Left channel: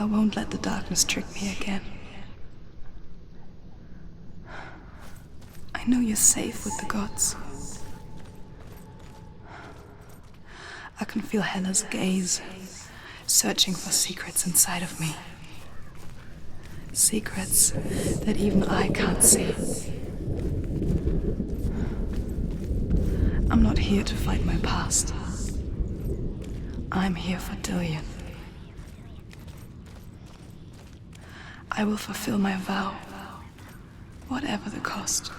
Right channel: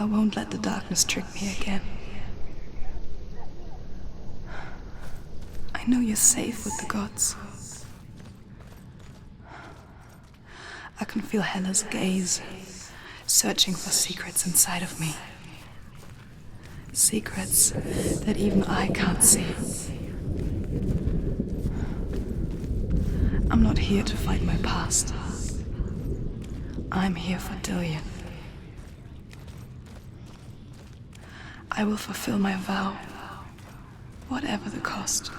I won't let the darkness trick me again. I know you're safe with the gods. I can feel Hela's gaze, searching for secrets inside of me. Secrets that even I can't see. I'm not here to fight my past. I'm here for Dillion. I will fulfill my vow, whatever the cost.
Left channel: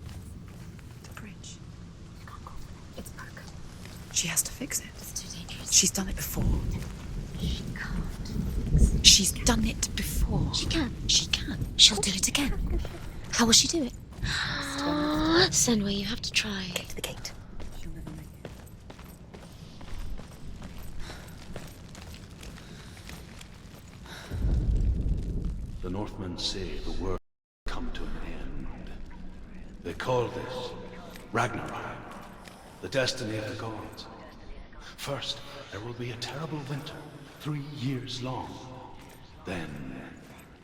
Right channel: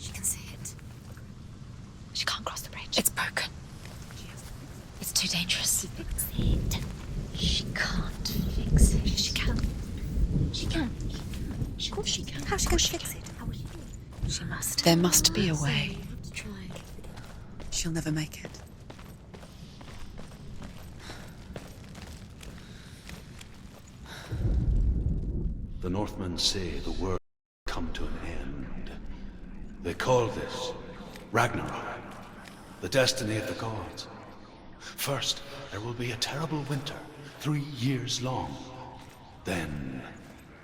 She can see it. The bridge. She can't cross the bridge. It's broken. She has to fix it. It's too dangerous. She's done it before. She can't fix it. She's done it before. She can. She can. She'll do it again. How's she going to fix it? How will she do it? There must be a Senua, way. you have to try. Get to the gate. She'll never make it. The Northmen say the world will come to an end. They call this Ragnarok, the destiny of the gods. First, there will be a terrible winter, 3 years long. Then,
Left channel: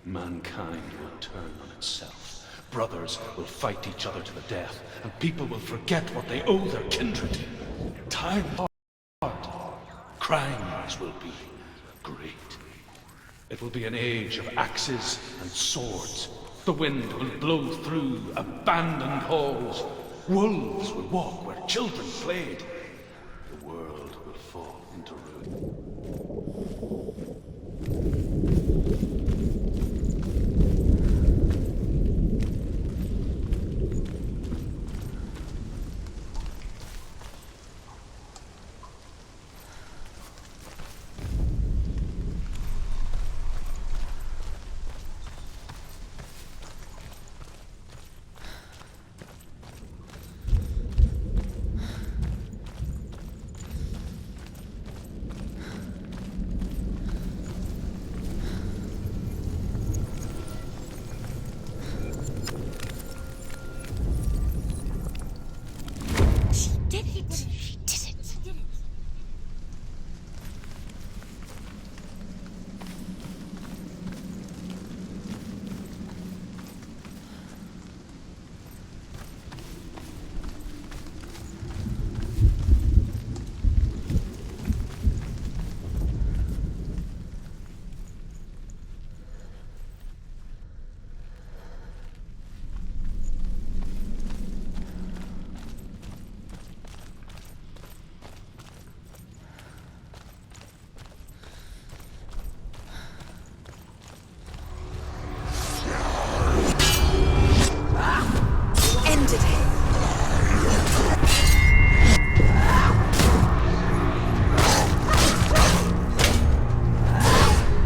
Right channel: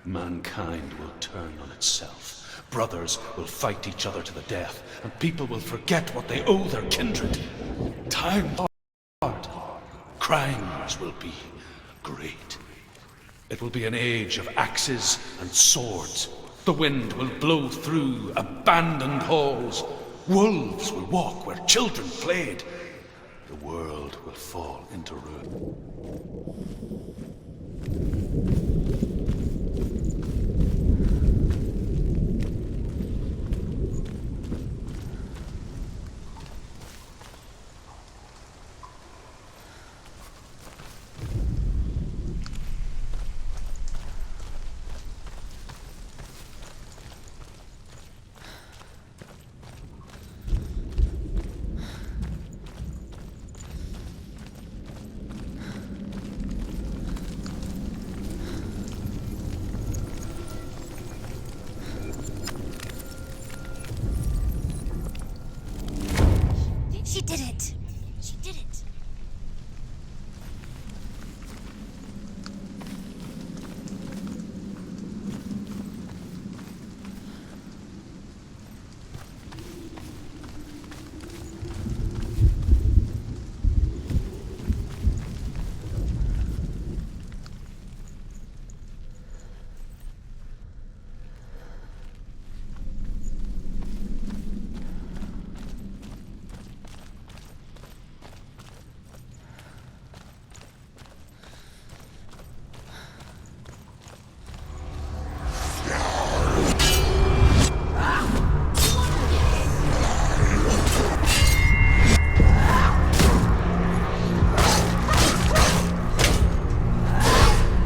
mankind will turn on itself. Brothers will fight each other to the death, and people will forget what they owe their kindred. Time hard. Crimes will be great. It will be an age of axes and swords. The wind will blow through abandoned halls. Wolves will walk where children played. The world will fall into ruin. She did it. She did it. She did it.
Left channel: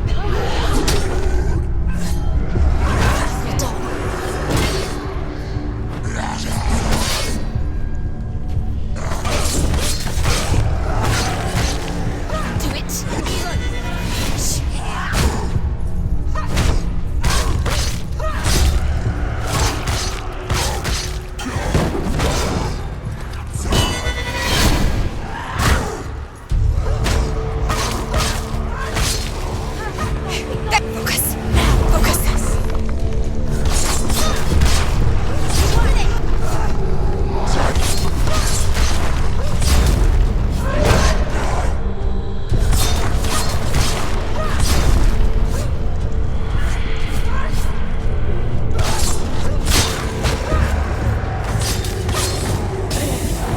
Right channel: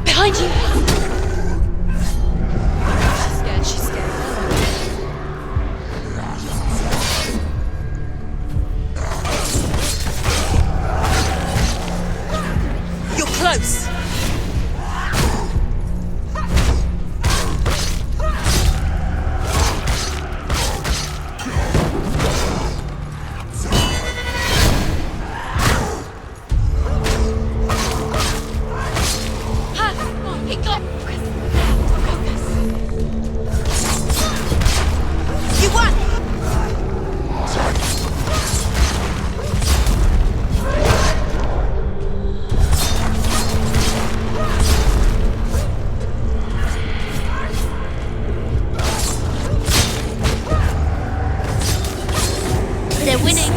Behind you! Do it! You're close! They're winning.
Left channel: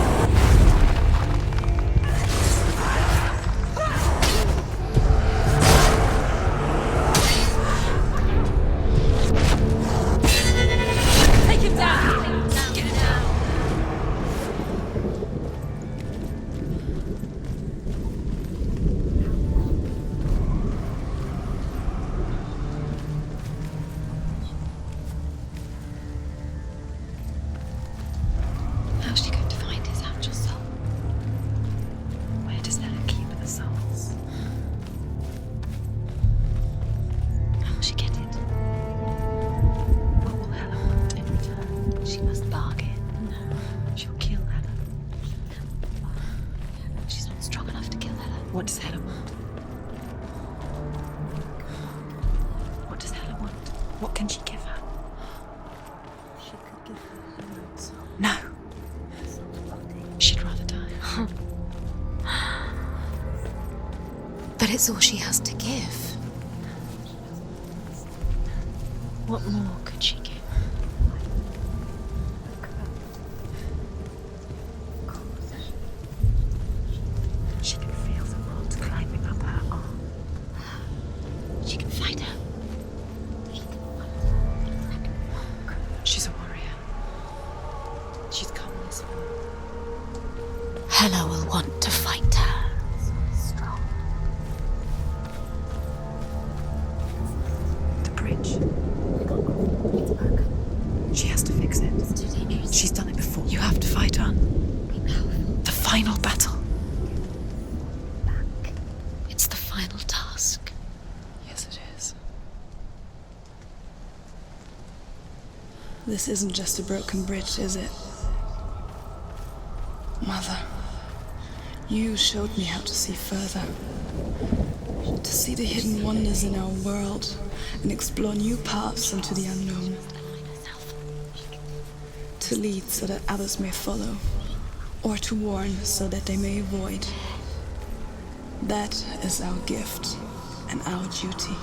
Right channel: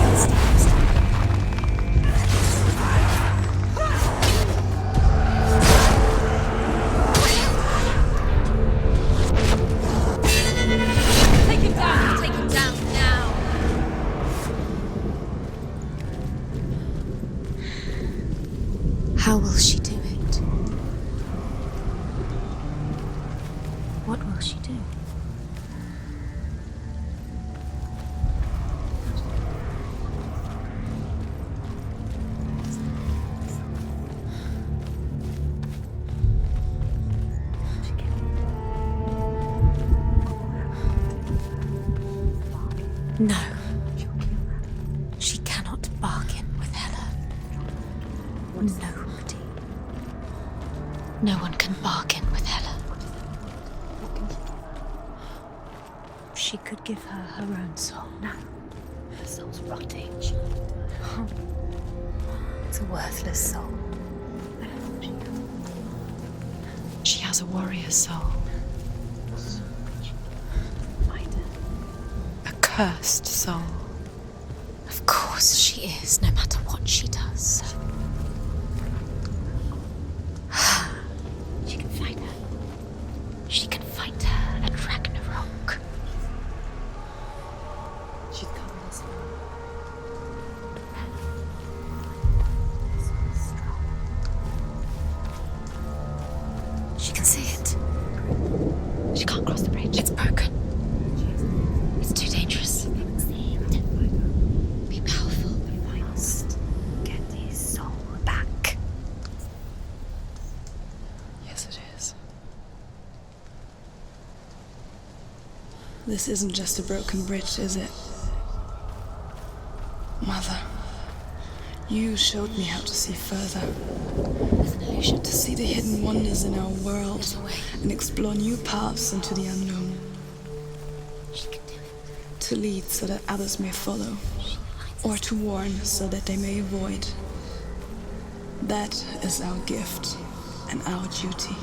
Take him down! Take him down! Get down! How will she do it? What will she do? How's she going to find his actual soul? Where does Ella keep the souls? How will she get it? What will Ella do? She must bargain. No, She'll kill Ella. she cannot bargain with Hela. She's not strong enough to kill Ella. What does Hela want? No one can bargain with Hela. What does Hela want? What can she give her? She could give her her own soul. No. Her soul's rotting. She'd rather die. It's a worthless soul. But it's all she has to give. She has a warrior soul. What more could she give? A cursed soul. Of course she is, no matter what she does. She can feel the world climbing up her arm. She can find her. She can find her at Ragnarok. She's a warrior. She's come this far. Hela will want to find her. Strong. She can see it. The bridge. She can't cross the bridge. It's broken. She has to fix it. It's too dangerous. She's done it before. You have to fight her. Be powerful. The final battle. Get his soul back. It's the final task. Yes, it is. This isn't just a broken bridge, is it? Mother, you showed me how to see further. To see the hidden wonders in our world and explore new paths into the unknown. To lead so that others may follow, or to warn so that they may avoid. That is our gift and our duty.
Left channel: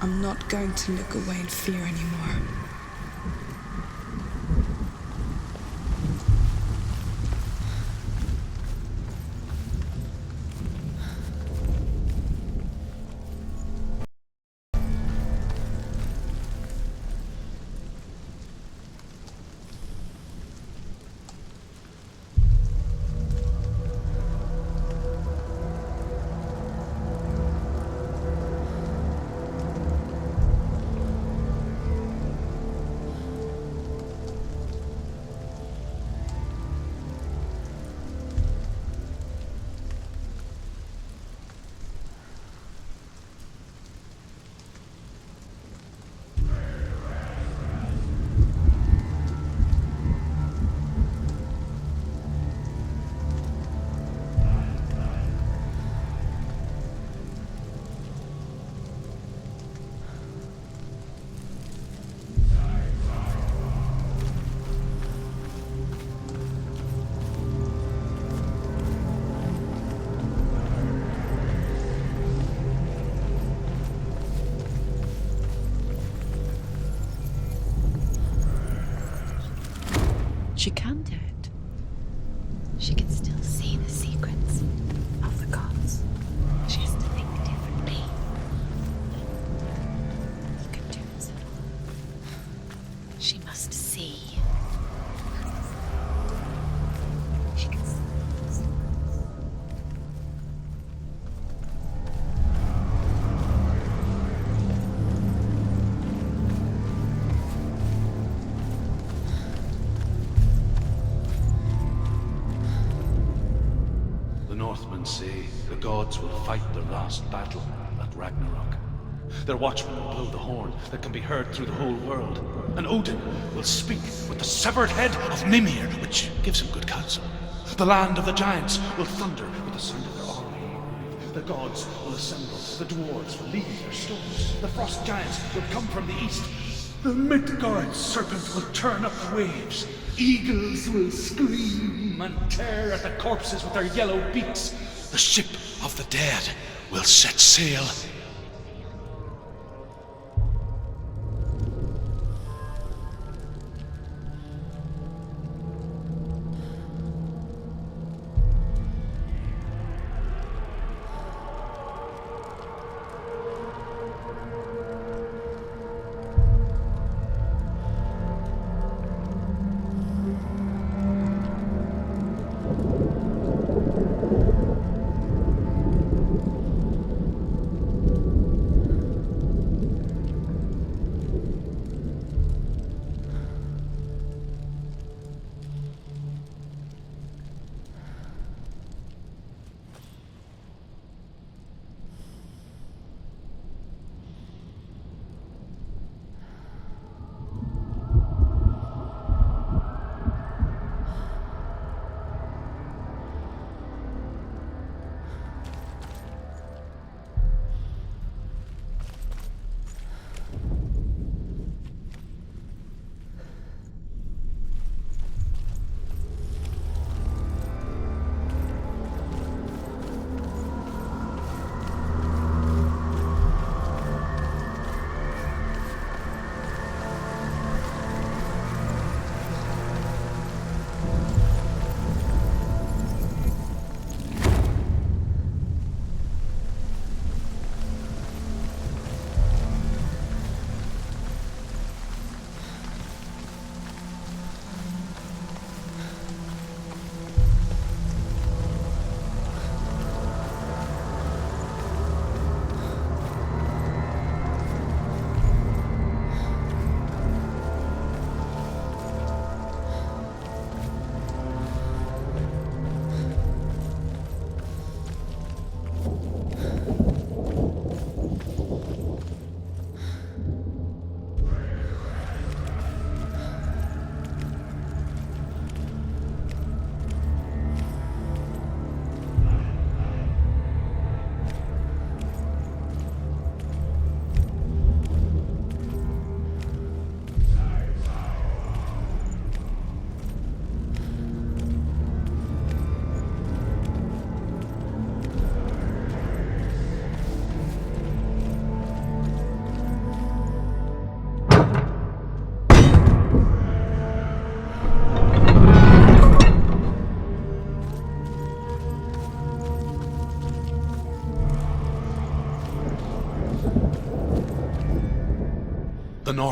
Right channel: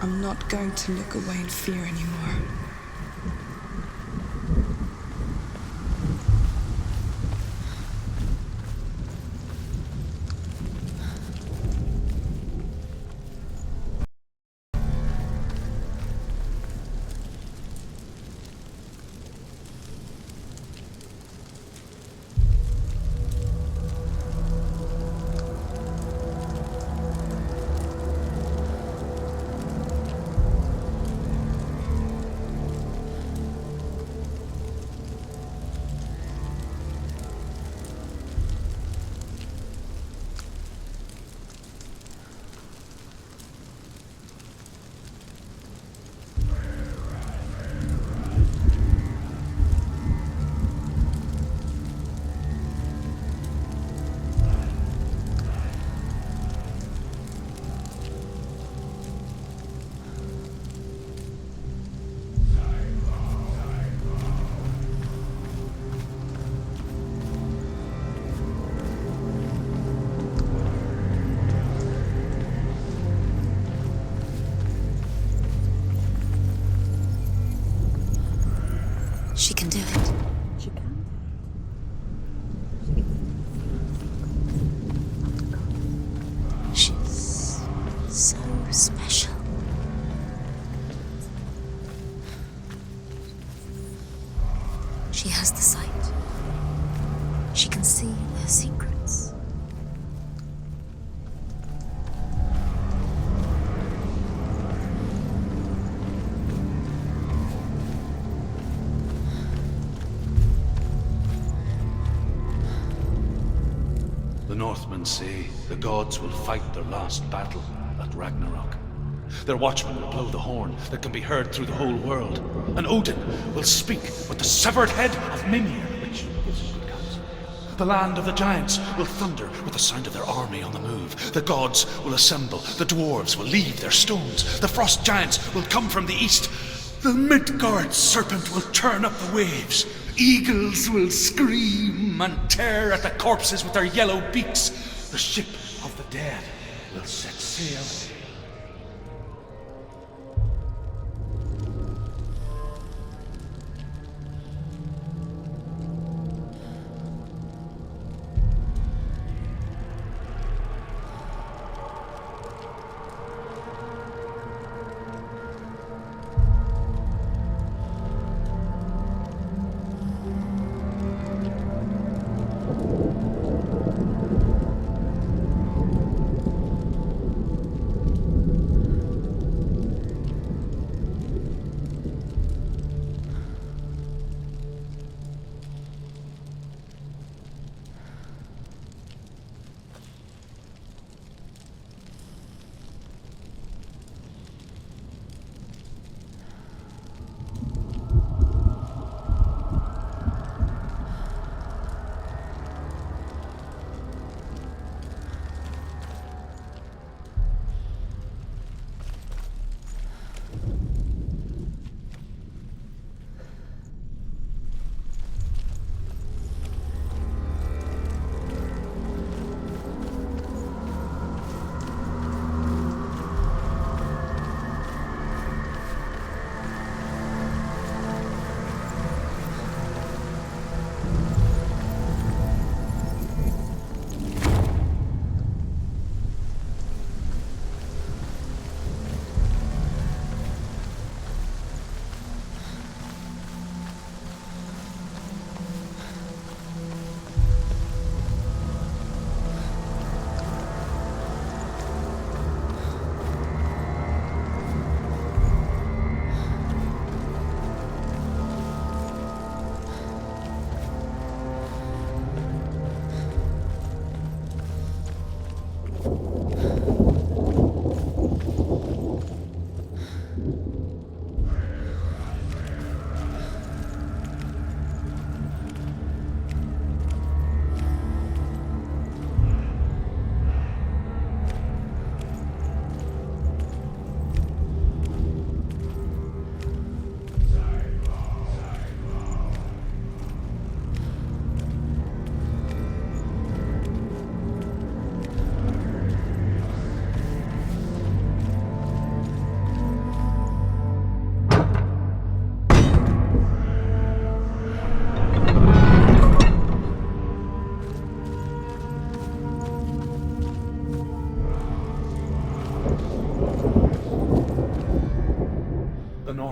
I'm not going to look away in fear anymore. She can do it. She can do it. She can still see the secrets of the gods. She thinks it would be so special. Can do it. She must see. She has the sight. She can see their secrets. The Northmen say the gods will fight their last battle at Ragnarok. Their watchmen will blow the horn that can be heard through the whole world. And Odin will speak with the severed head of Mimir, which gives him good counsel. The land of the giants will thunder with the sound of their army on the move. The gods will assemble. The dwarves will leave their stones. The frost giants will come from the east. The Midgard serpent will turn up the waves. Eagles will scream and tear at the corpses with their yellow beaks. The ship of the dead will set sail.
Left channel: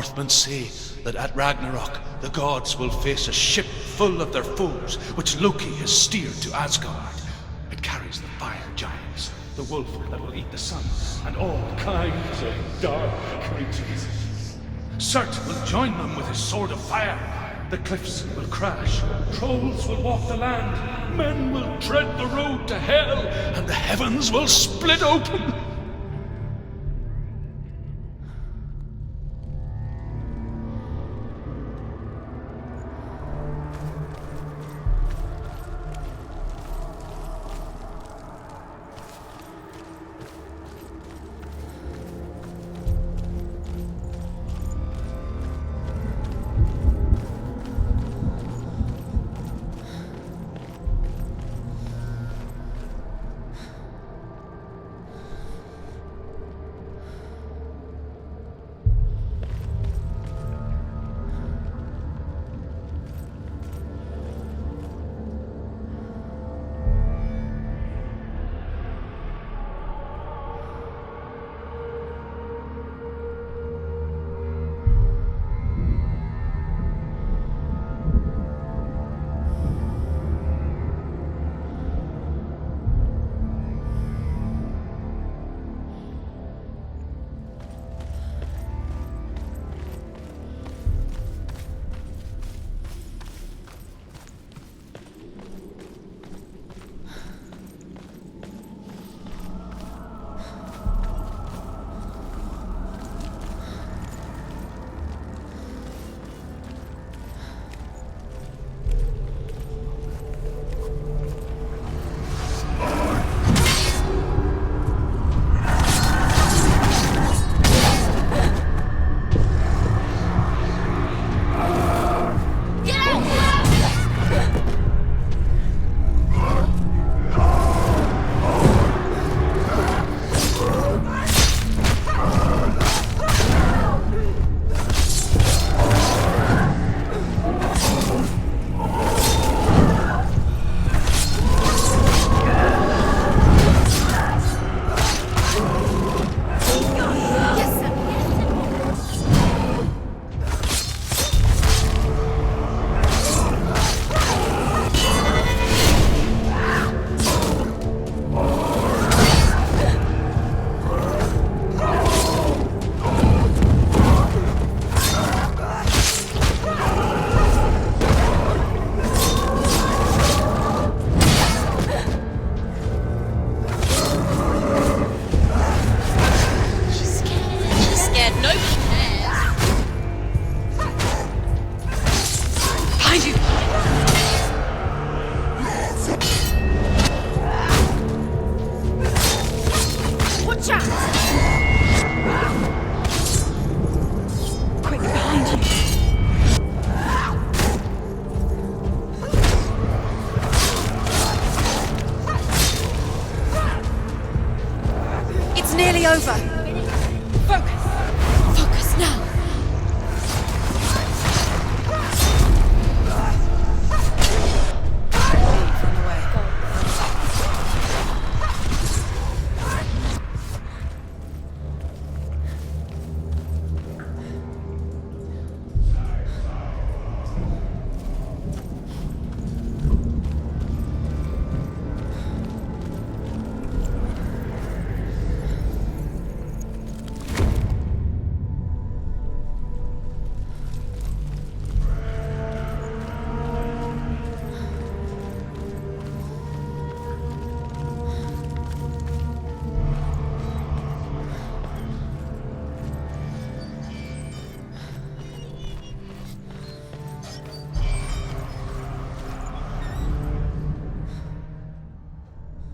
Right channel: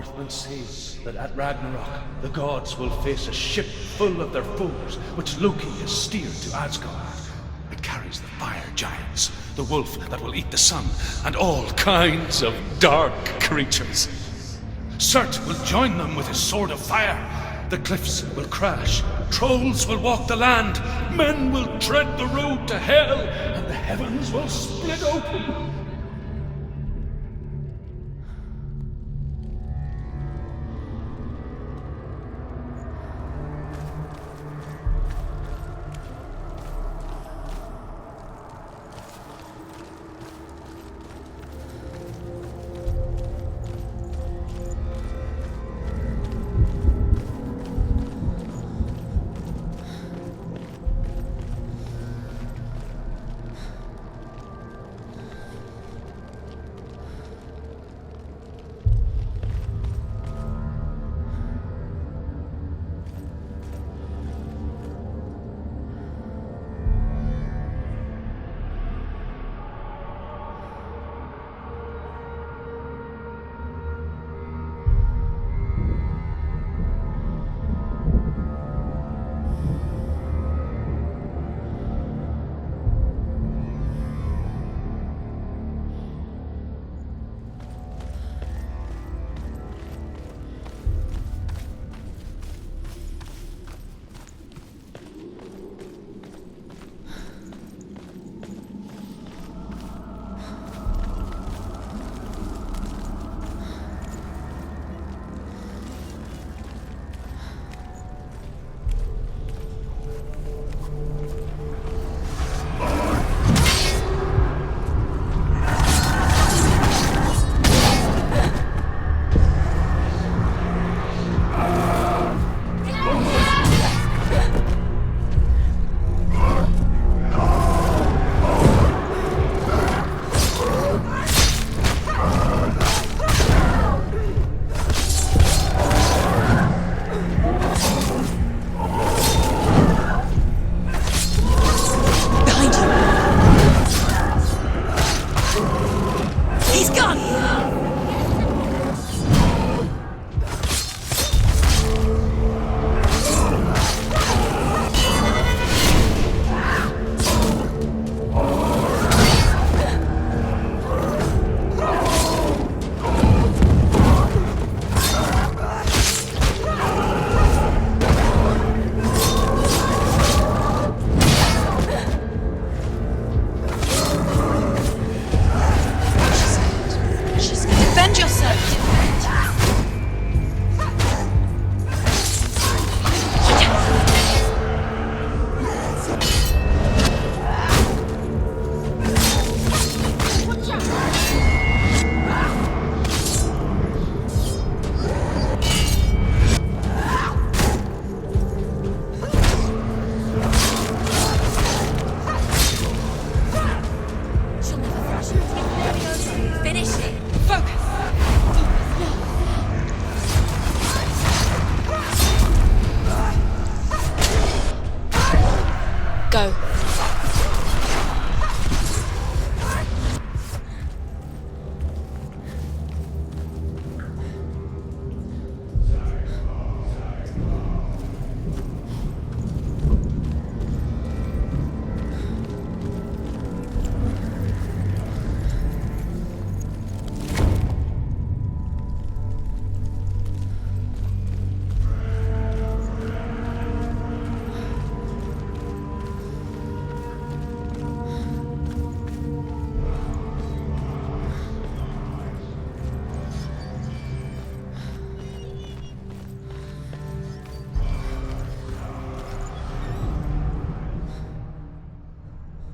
Northmen say that at Ragnarok, the gods will face a ship full of their foes, which Loki has steered to Asgard. It carries the fire giants, the wolf that will eat the sun, and all kinds of dark creatures. Surt will join them with his sword of fire. The cliffs will crash, trolls will walk the land, men will tread the road to hell, and the heavens will split open.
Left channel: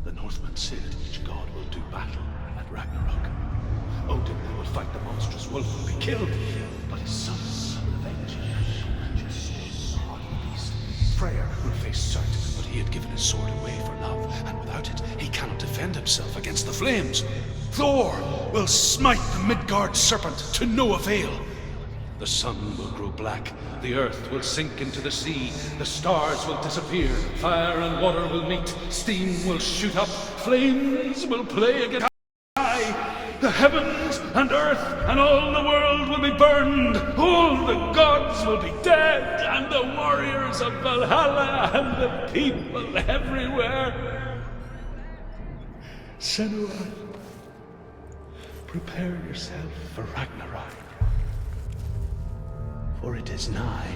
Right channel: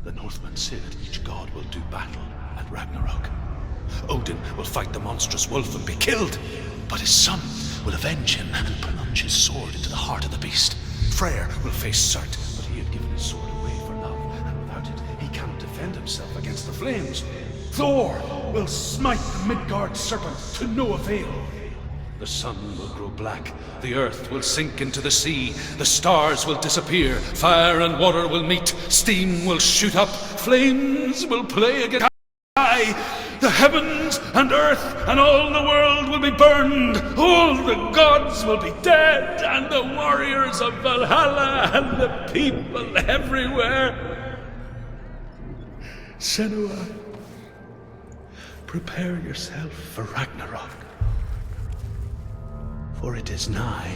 The Northmen say that each god will do battle at Ragnarok. Odin will fight the monstrous wolf and be killed, but his son will avenge him and plunge his sword into the heart of the beast. Freyr will face Surt, but he had given his sword away for love, and without it, he cannot defend himself against the flames. Thor will smite the Midgard serpent to no avail. The sun will grow black, the earth will sink into the sea, the stars will disappear, fire and water will meet, steam will shoot up, flames will play against the sky, the heavens and earth and all the world will be burned. All the gods will be dead, and the warriors of Valhalla and the people everywhere. Senua, prepare yourself for Ragnarok, for it is nigh.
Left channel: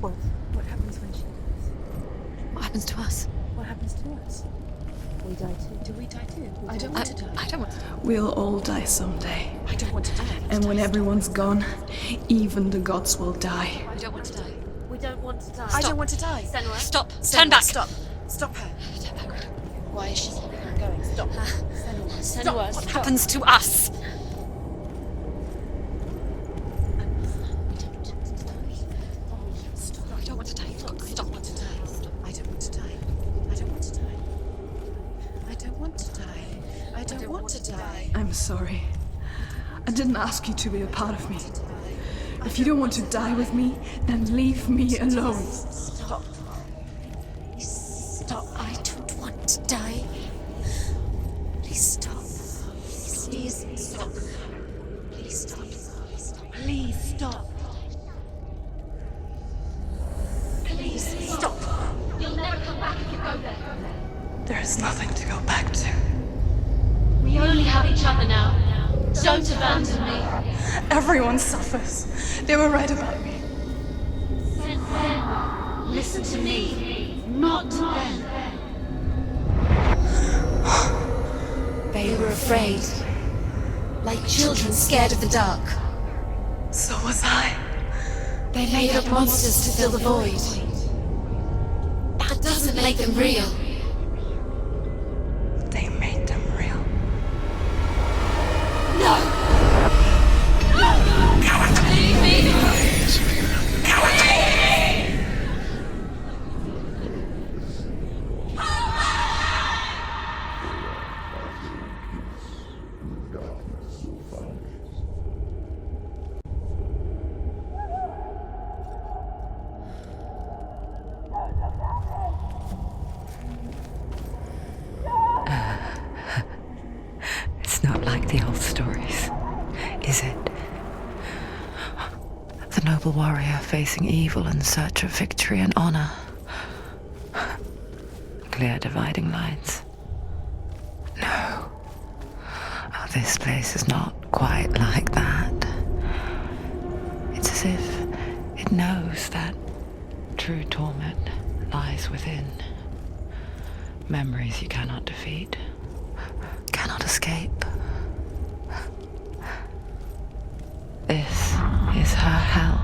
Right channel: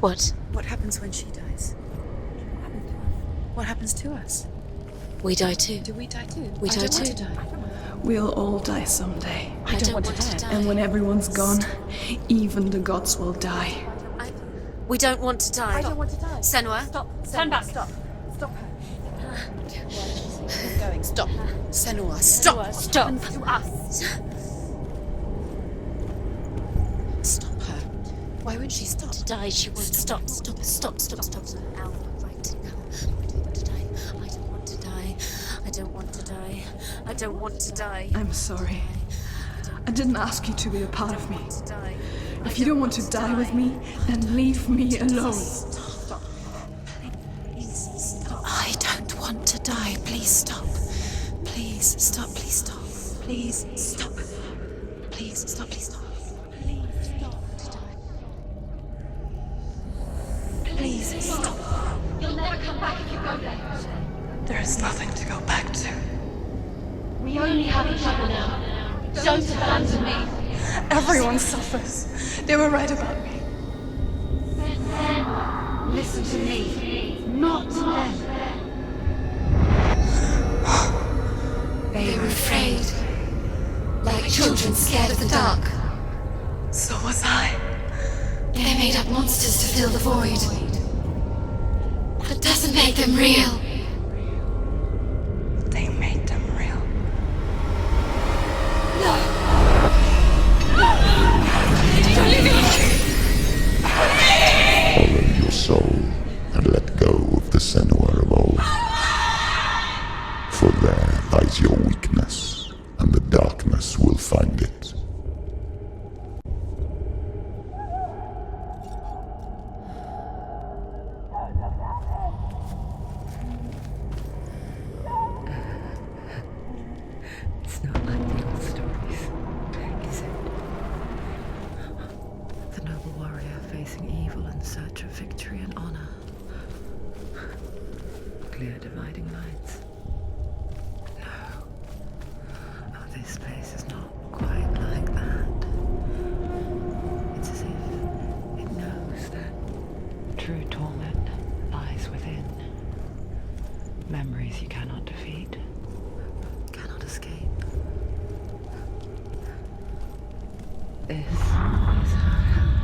What? What happens when she dies? What happens to us? What happens to us? We die too. Do we die too? We I die don't want too. to die. I don't want to die. We'll all die someday. I don't want to die. And when everyone's gone, even the gods will die. I don't want to die. We don't want to die. I don't want to die. Senua. Stop. Senua, Turn back. Stop. Stop her. Why is she keeping on going? Stop. Senua, Stop. What happens to us? Stop her. Why would she stop? To die, she won't stop. I don't want to die. Stop. Stop. I don't want to die. I don't want to die. I don't want to die. I don't want to die. I'm sorry. I didn't ask you to be a part of me. If you don't want to die with me, then leave me alone. Stop. Stop. I don't want to die. Please stop. Please stop. Please stop. Please stop. Please stop. Please stop. Please stop. Please stop. You'll never come back if you go there. There is nothing to go back to. We only have each other now. Don't abandon me. Everyone suffers. They were right about me. Listen to me, not them. They were afraid. Like children scared of the dark. So was I. They made up monsters to fill the void. That doesn't make them real. They made them real. No! Follow your soul and let go of the Senua of old. For there lies your weakness, and the darkness will find it. It's not like the old stories, is it? The noble warrior facing evil in search of victory and honor. Clear dividing lines. No. Oh, this place is not quite like that. It's as if it knows that true torment lies within. Memories you cannot defeat, cannot escape. This is her hell.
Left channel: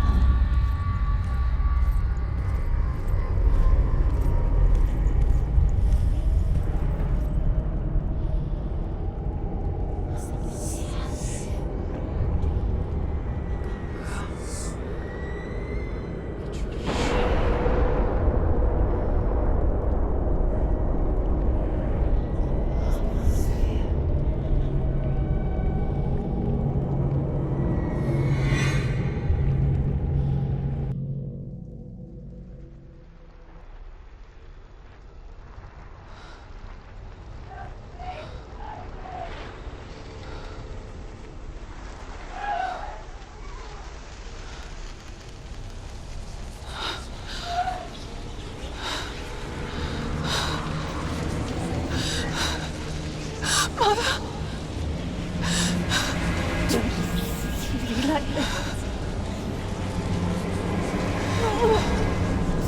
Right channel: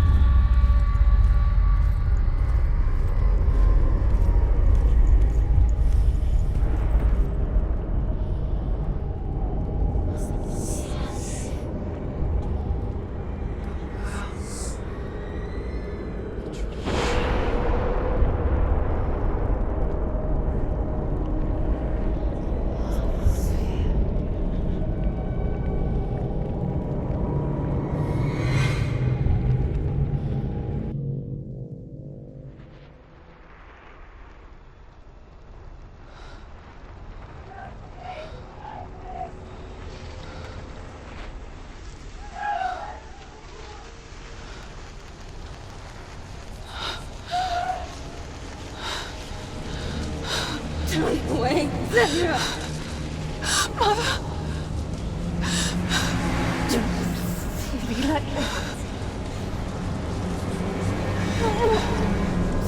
Be like this.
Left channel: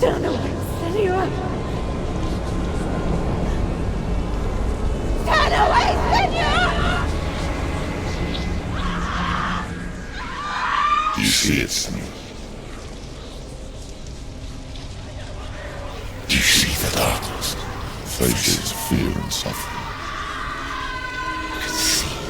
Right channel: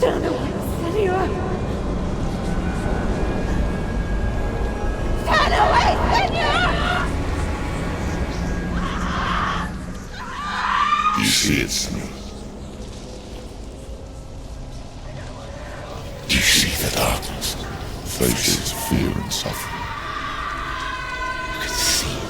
Turn away, Senua. Turn away, Senua! Do you see it, Senua? Do you see the darkness? Faces of fear and suffering. You can see it.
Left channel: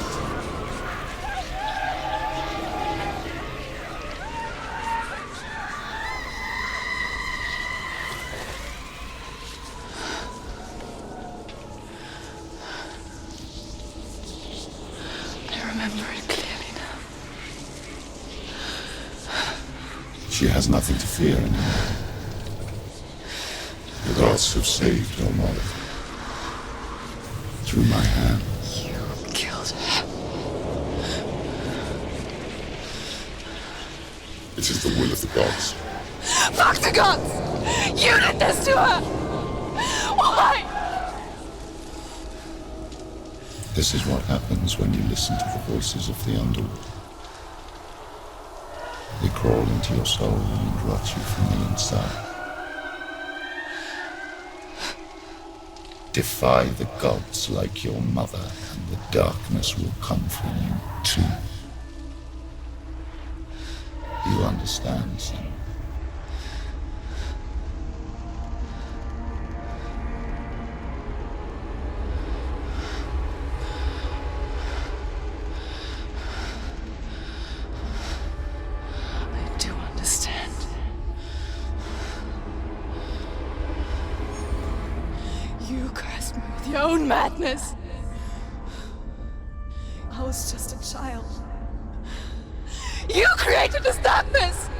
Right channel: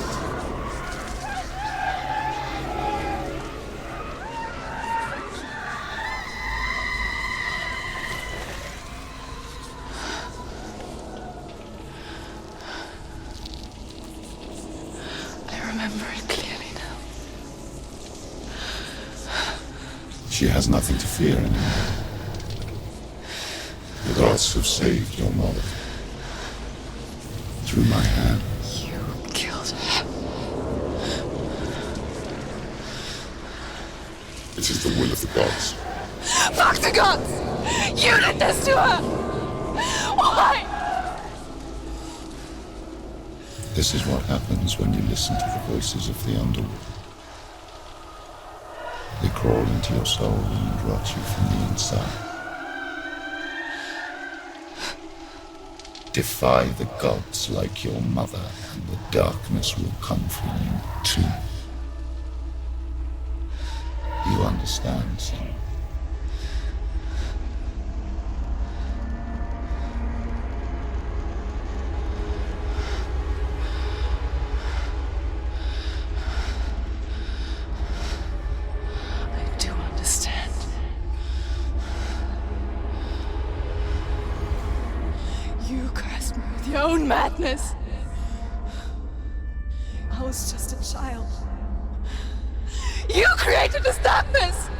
I remember it clearly now. She has nothing to fear anymore. The gods have saved your mother. Through my hand. You killed her. It is the will of the gods. Fuck the gods! You did this to her! Why? This is what happens when you listen to the voices of the underworld. They crawl into your soul and rot you from the inside. Defy the gods like your mother, and the darkness will come for you too. Do you understand, Senua? I do understand. You cursed me with your own madness. I was just a child. You created this darkness!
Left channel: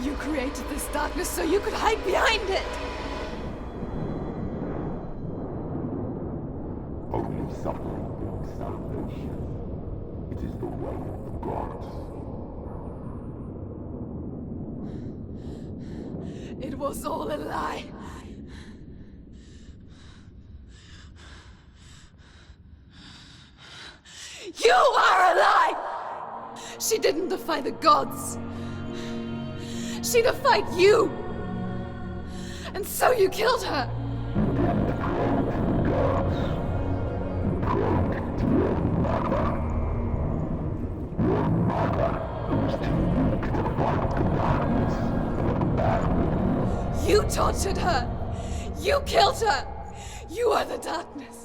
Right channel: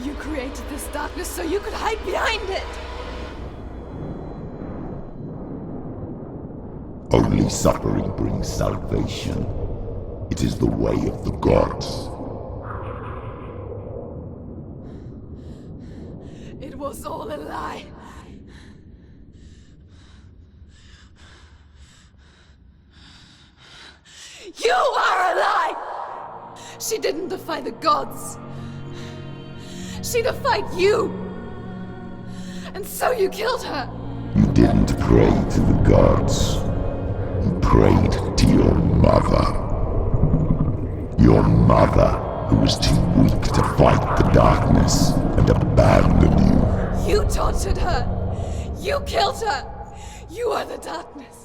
You created this darkness so you could hide behind it! Only suffering brings salvation. It is the way of the gods. It was all a lie. You are a lie! She didn't defy the gods. She defied you! And so you killed her! You didn't pray to the gods. You prayed to your mother. Your mother, who was too weak to fight the darkness and abandoned you. You tortured her! You killed her! You are the darkness!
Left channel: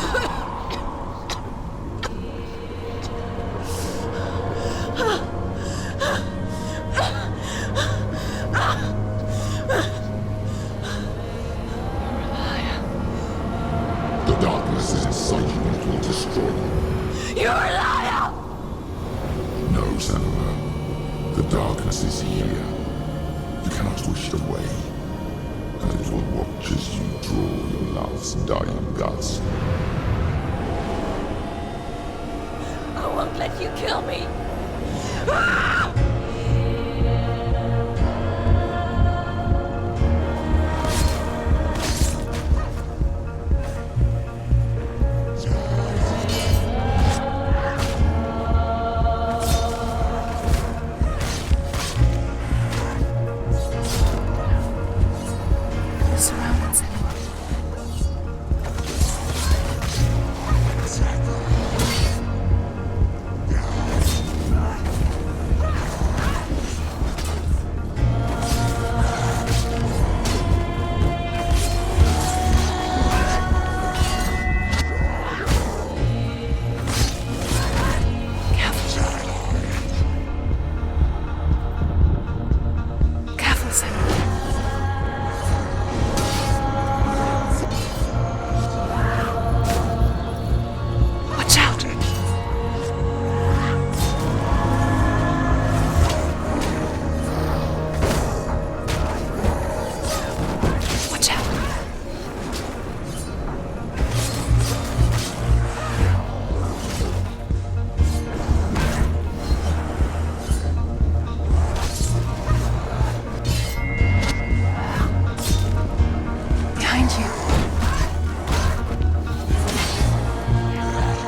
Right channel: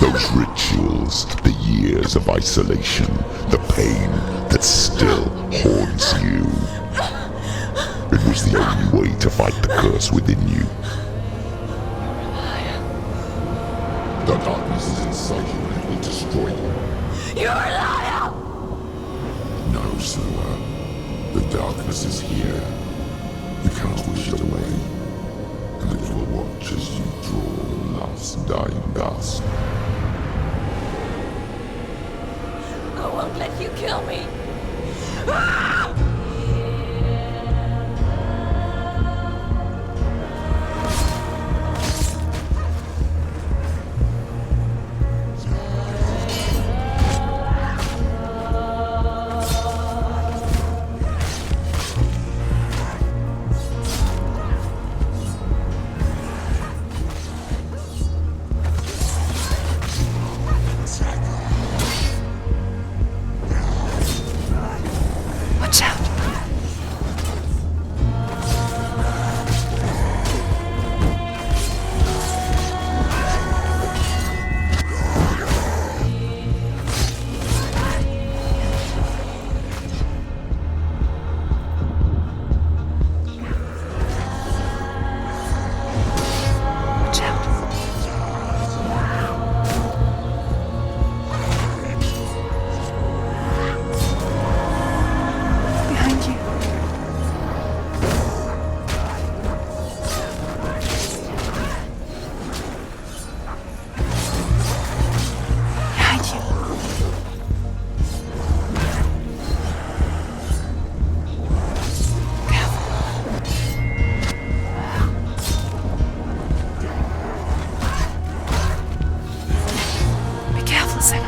Those rituals, the years of isolation, the pain that still haunts you. It was the only way to fight the curse within you. You're a liar. The darkness is inside you and it will destroy you. You're a liar! No, Senua. The darkness is here. You cannot wish it away. And it will watch as you draw your last dying gasp. I won't let you kill me! Ah! Watch out! Careful, Senua. Watch out. Watch out. Behind you. Watch out. Behind you. Behind you. Be careful, Senua.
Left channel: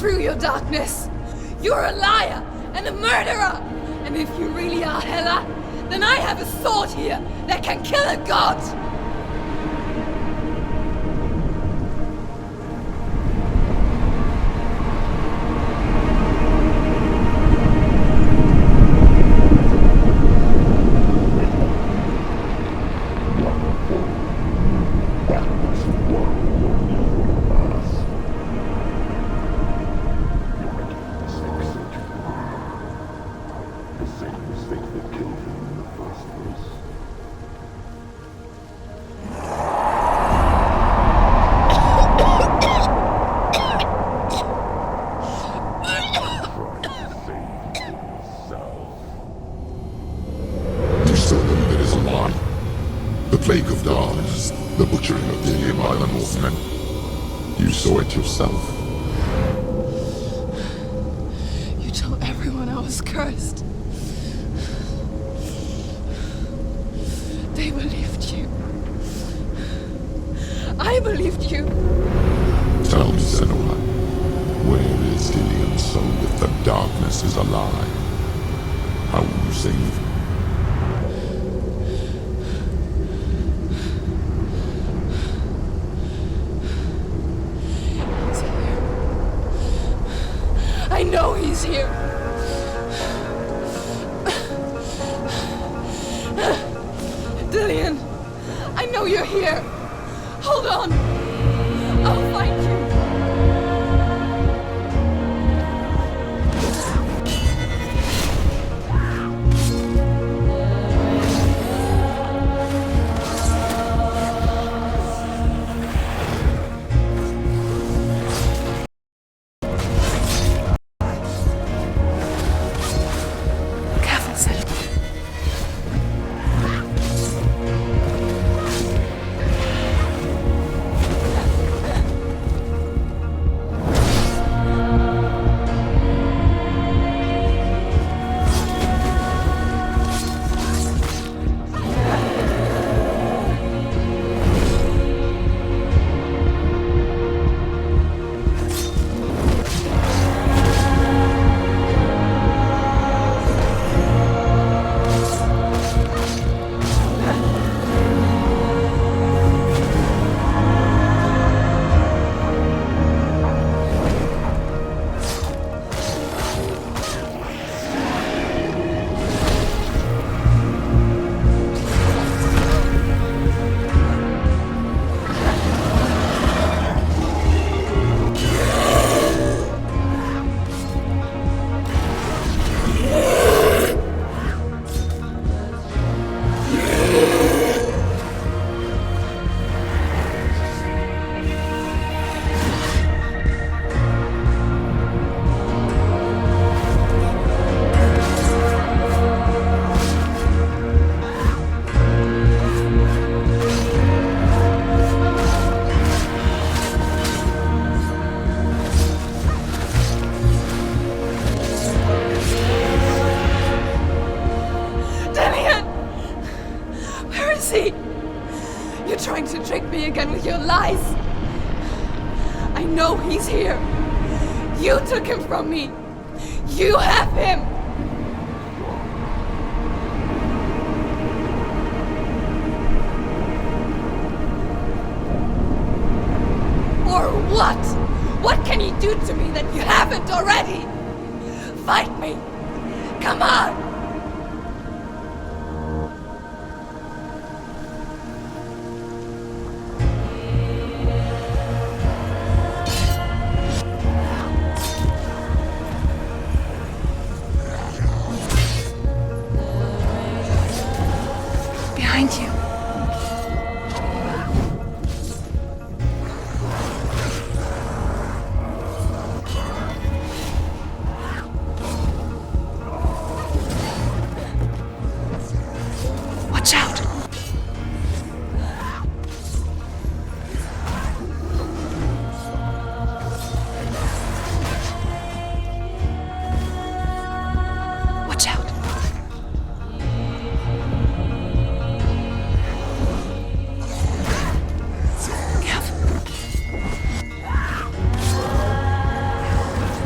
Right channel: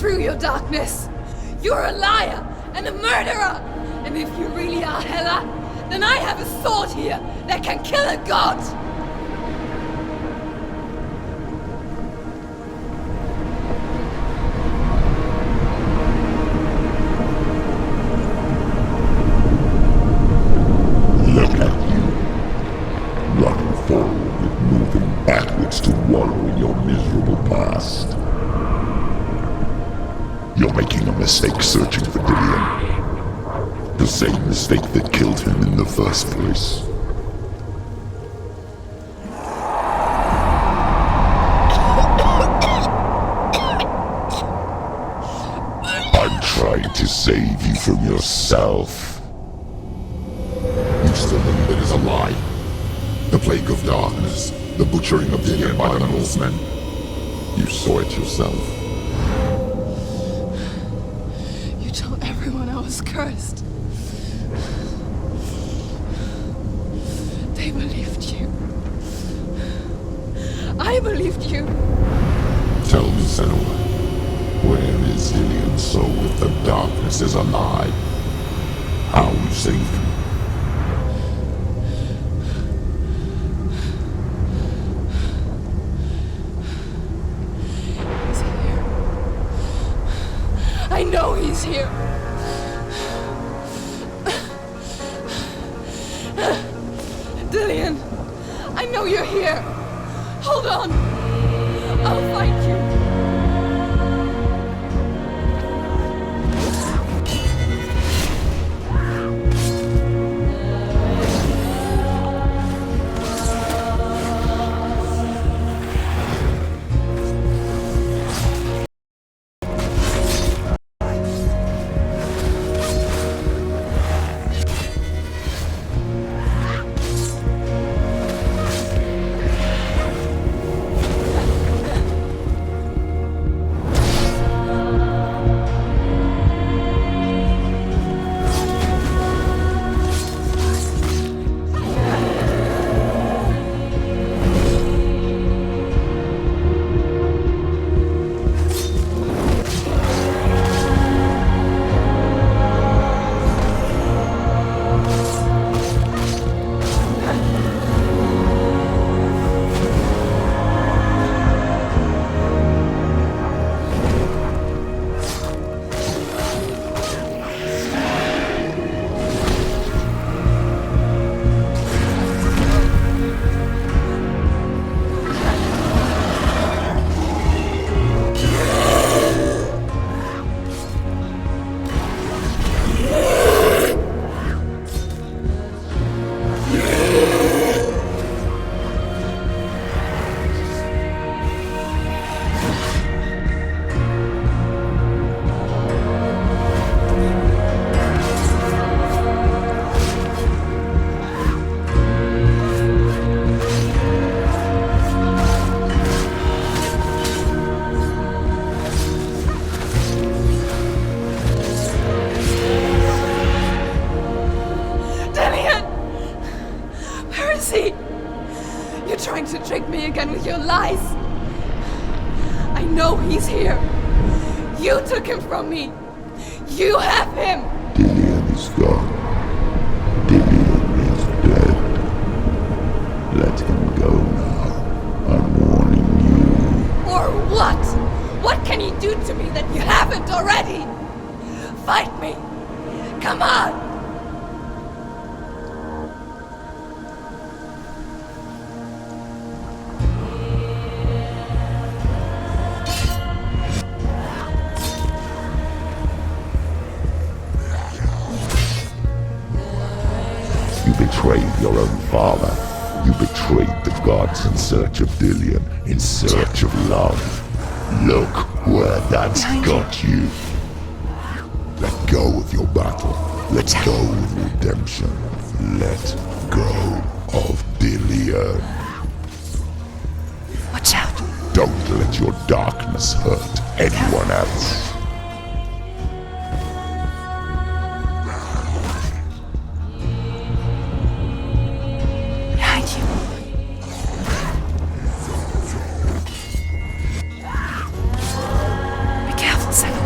through your darkness. You're a liar and a murderer. And if you really are Hela, then I have a sword here that can kill a god. Running forward and moving backwards to wallow in your miserable past. You're making a mistake searching for Dillion. The same mistake that killed him in the first place. I'm trying to save you from yourself. You still believe it is a lie. The plague of darkness, the butchering of Dillion by the Northmen. You saw it yourself. You told everyone I was cursed. They believed you. I believed you. Tell me, Senua, where is Dillion's soul if the darkness is a lie? How you saved him? He's here. I know he's here. Dillion, I know you're here. Hold on. I'll find you. You're trying to trick me again with your lies. I know he's here. You took him from me. You have him. Dillion is gone. Dillion is dead. Let him go now. I'm warning you. Or what? What can you do to me that you haven't already? Fight me. Come on. You betrayed the gods in search of Dillion, in search of love. Look where that's got you. Let go of your battle. Let go of redemption. Let Watch out! of Dillion. Watch out! Don't let your darkness hurt anyone else. Watch out! Behind you. Careful. Be careful, Sam.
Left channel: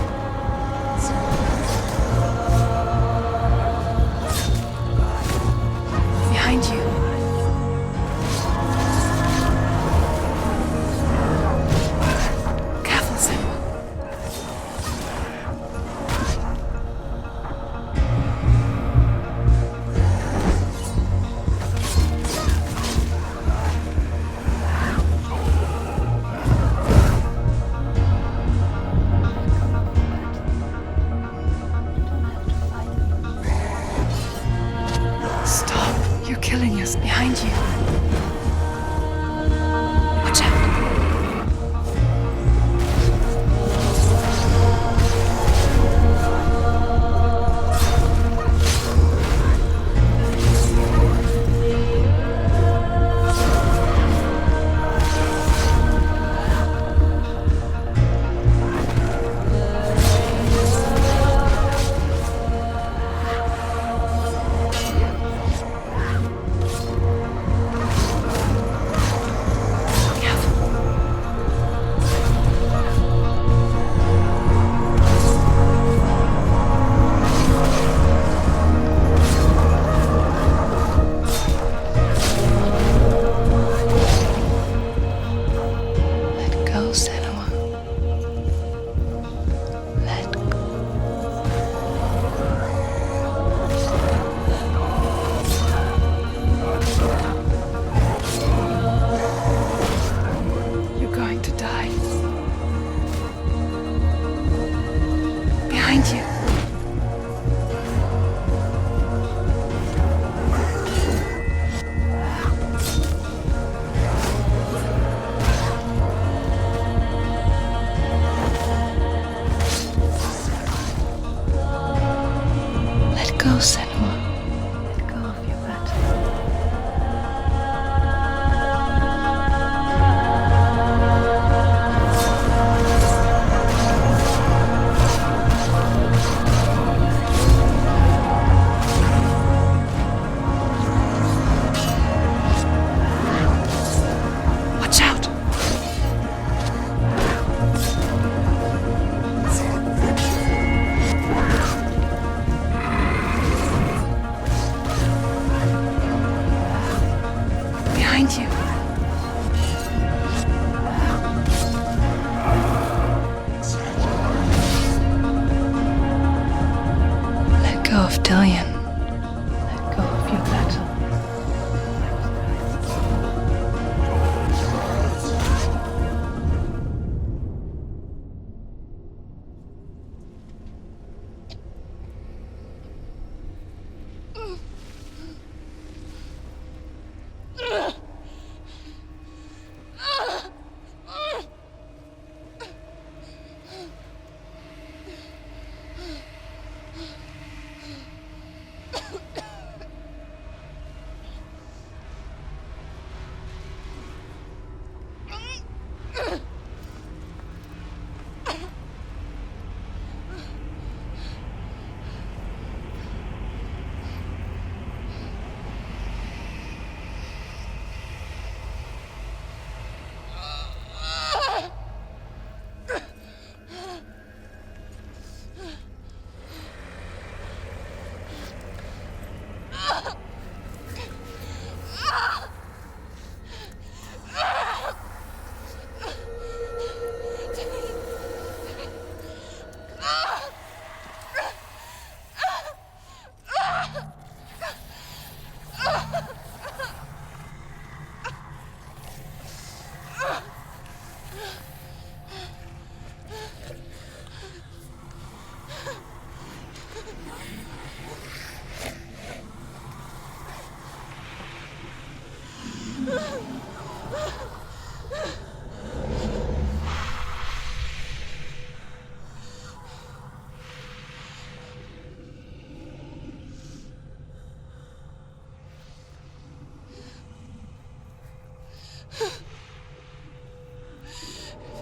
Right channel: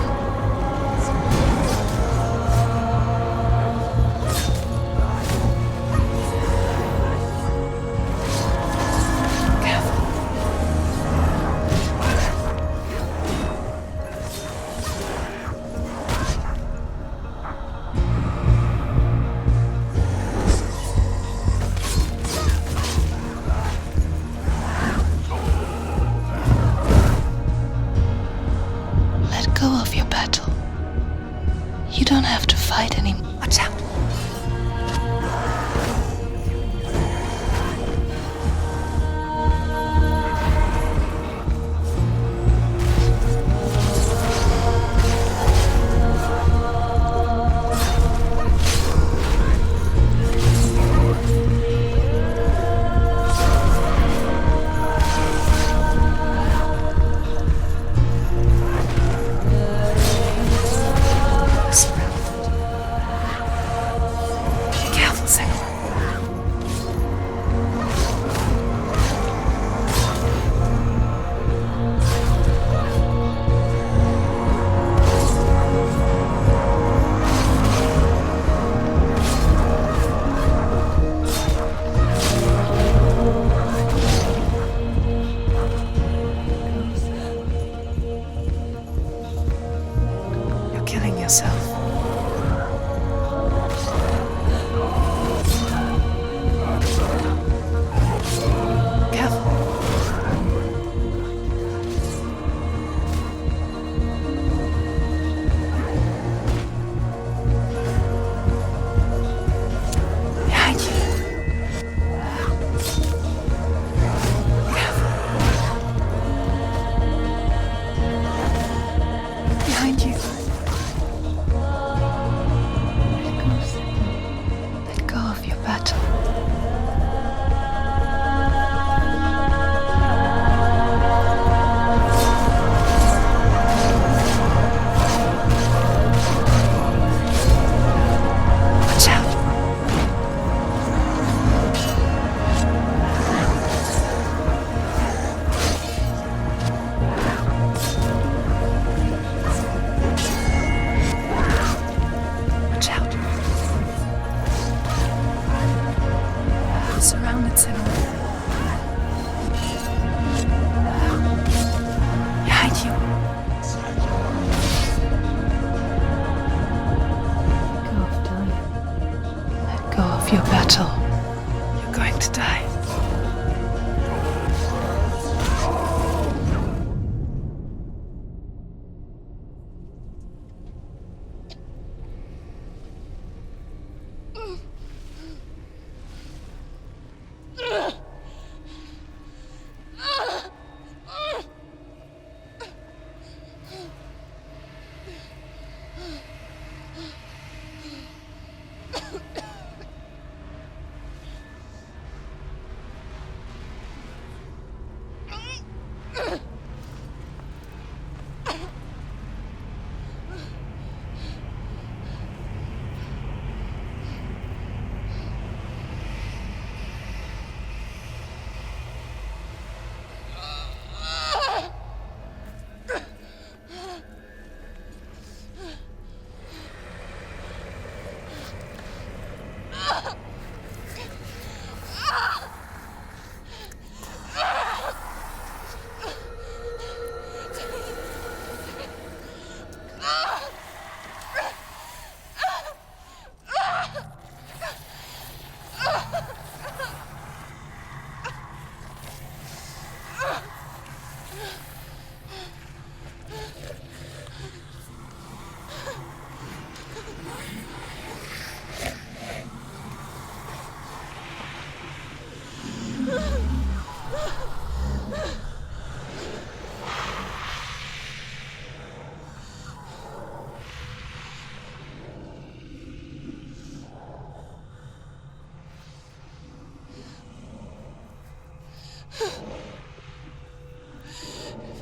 Behind you. Behind you. Let go of Dillion. Let go of your battle. You're going to die.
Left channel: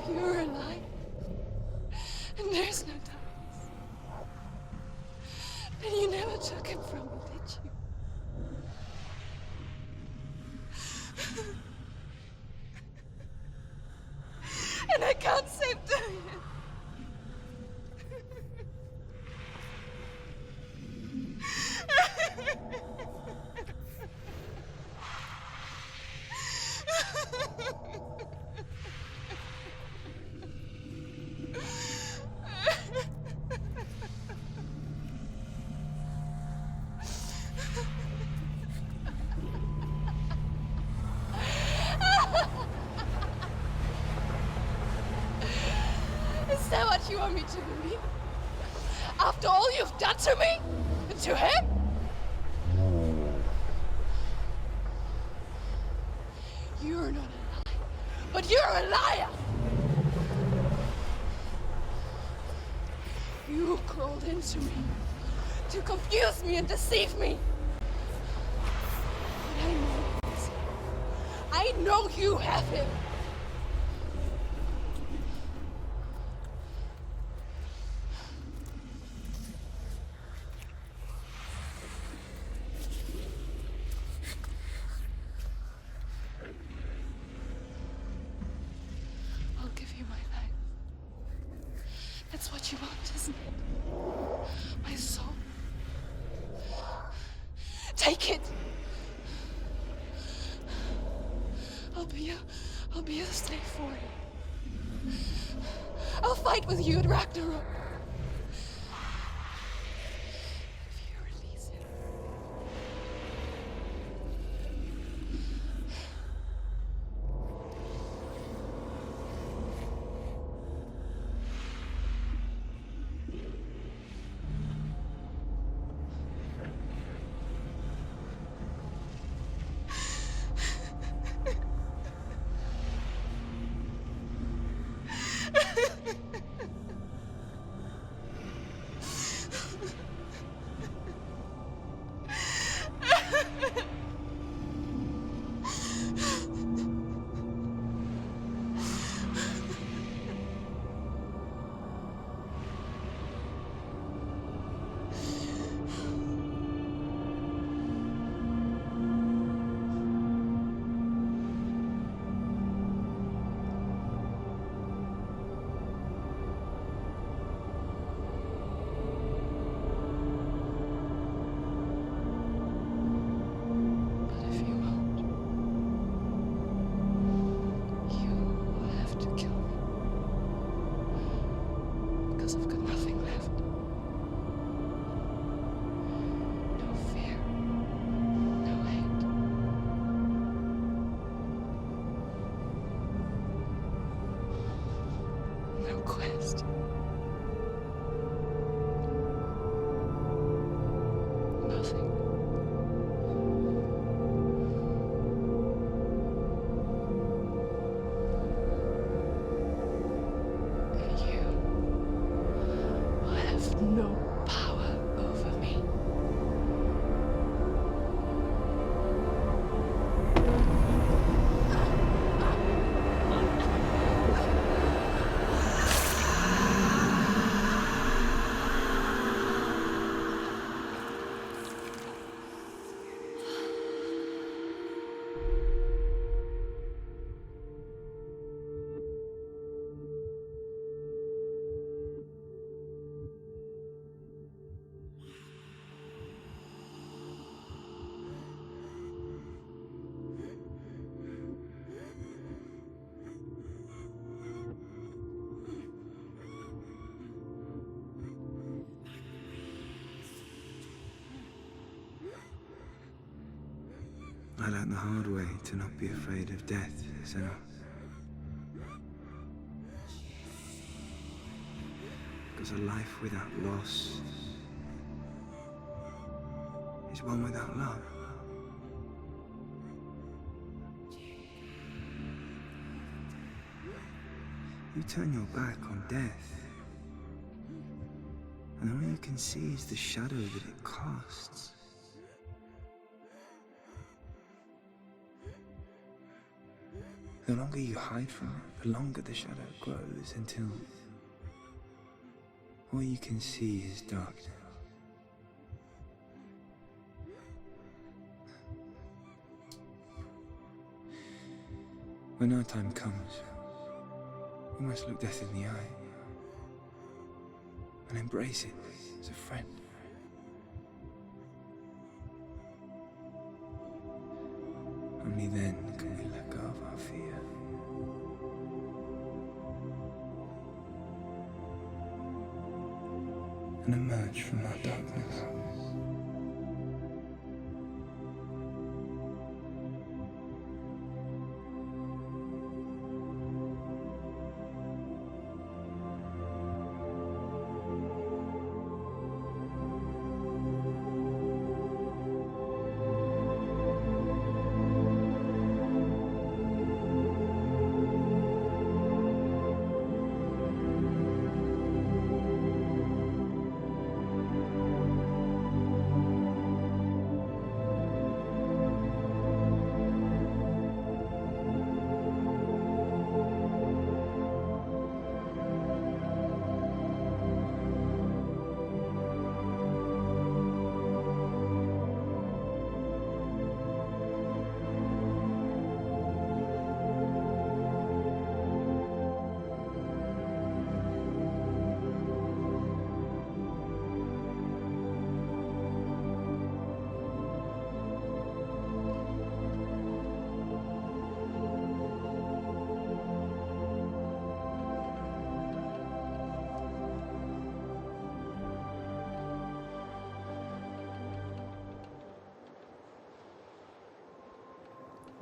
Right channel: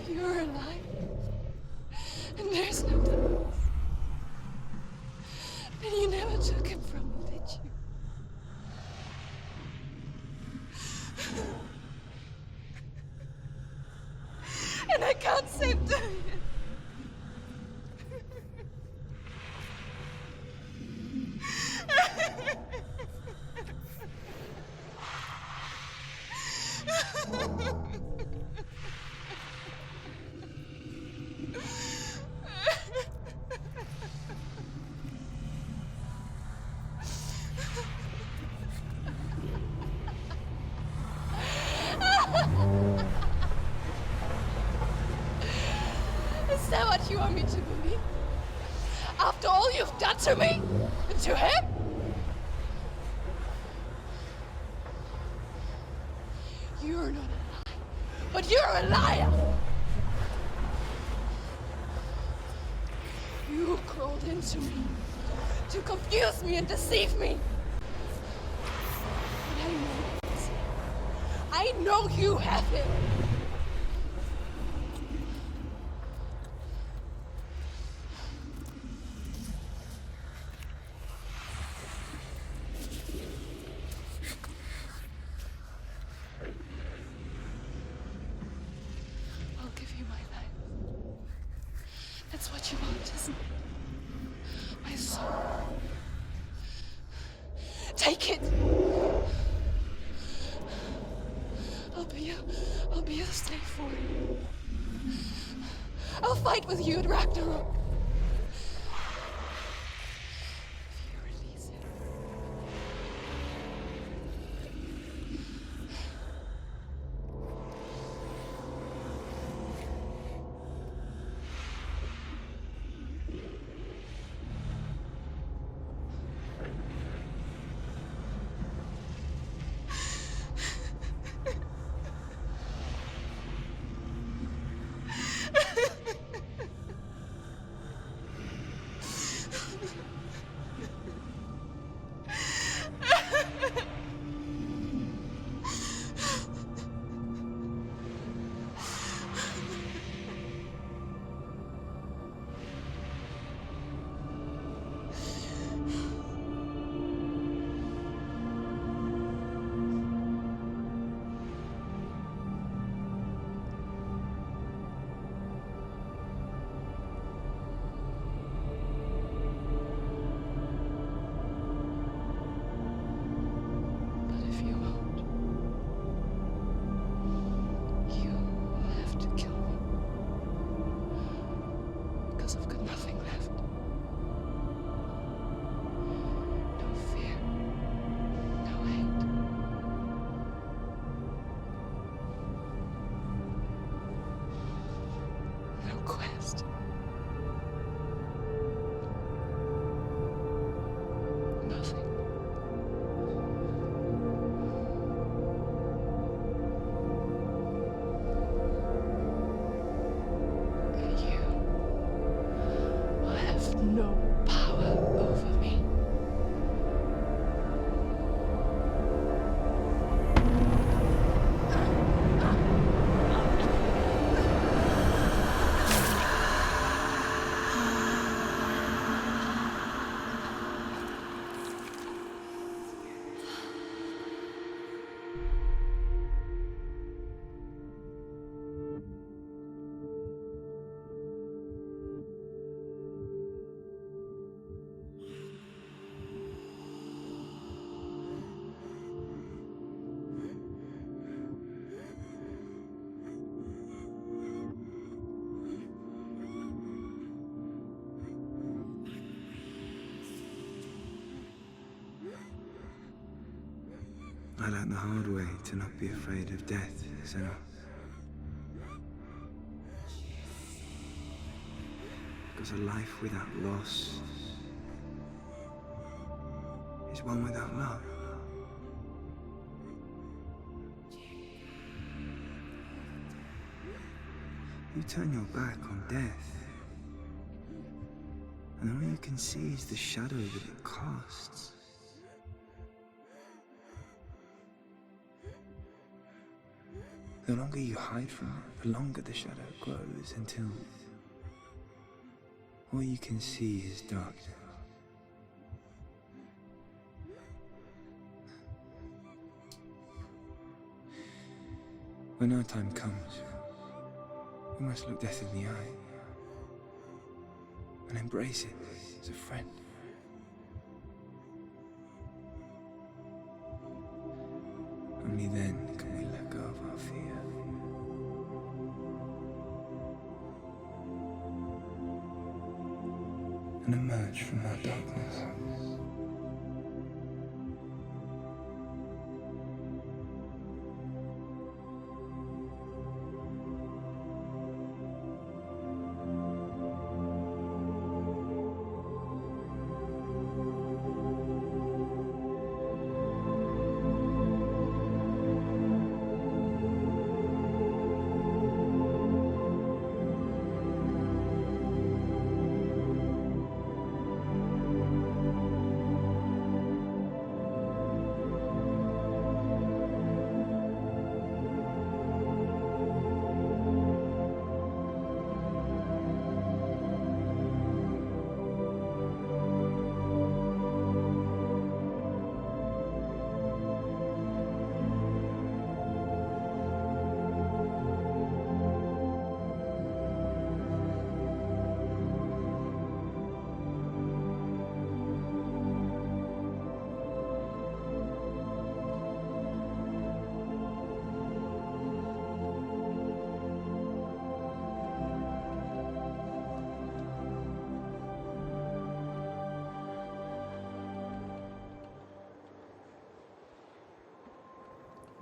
If you're alive, and there's no darkness, then you never took him from me, did you? And I can't save Dillion. Is that what you want me to believe? After all you've done to me? And to him? You're not a liar, but you're a liar! You crawled into me to confuse me and deceive me. But I know he's here. I know you have him. I'll give you my life. That's what you want, isn't it? My soul. Take it. I'll be a slave for you. I'll fight with you at Ragnarok. If you release it. no power over me. I learned the hard way to not be afraid of death, Senua. Because a life without loss is one without love. You turn your back on death, and all you can see is the shadow that it casts. The longer you hide from it, the longer the shadow grows until all you can see is darkness. When our time comes, we must look death in the eye and embrace it as a friend. Only then can we let go of our fear. And emerge from our darkness.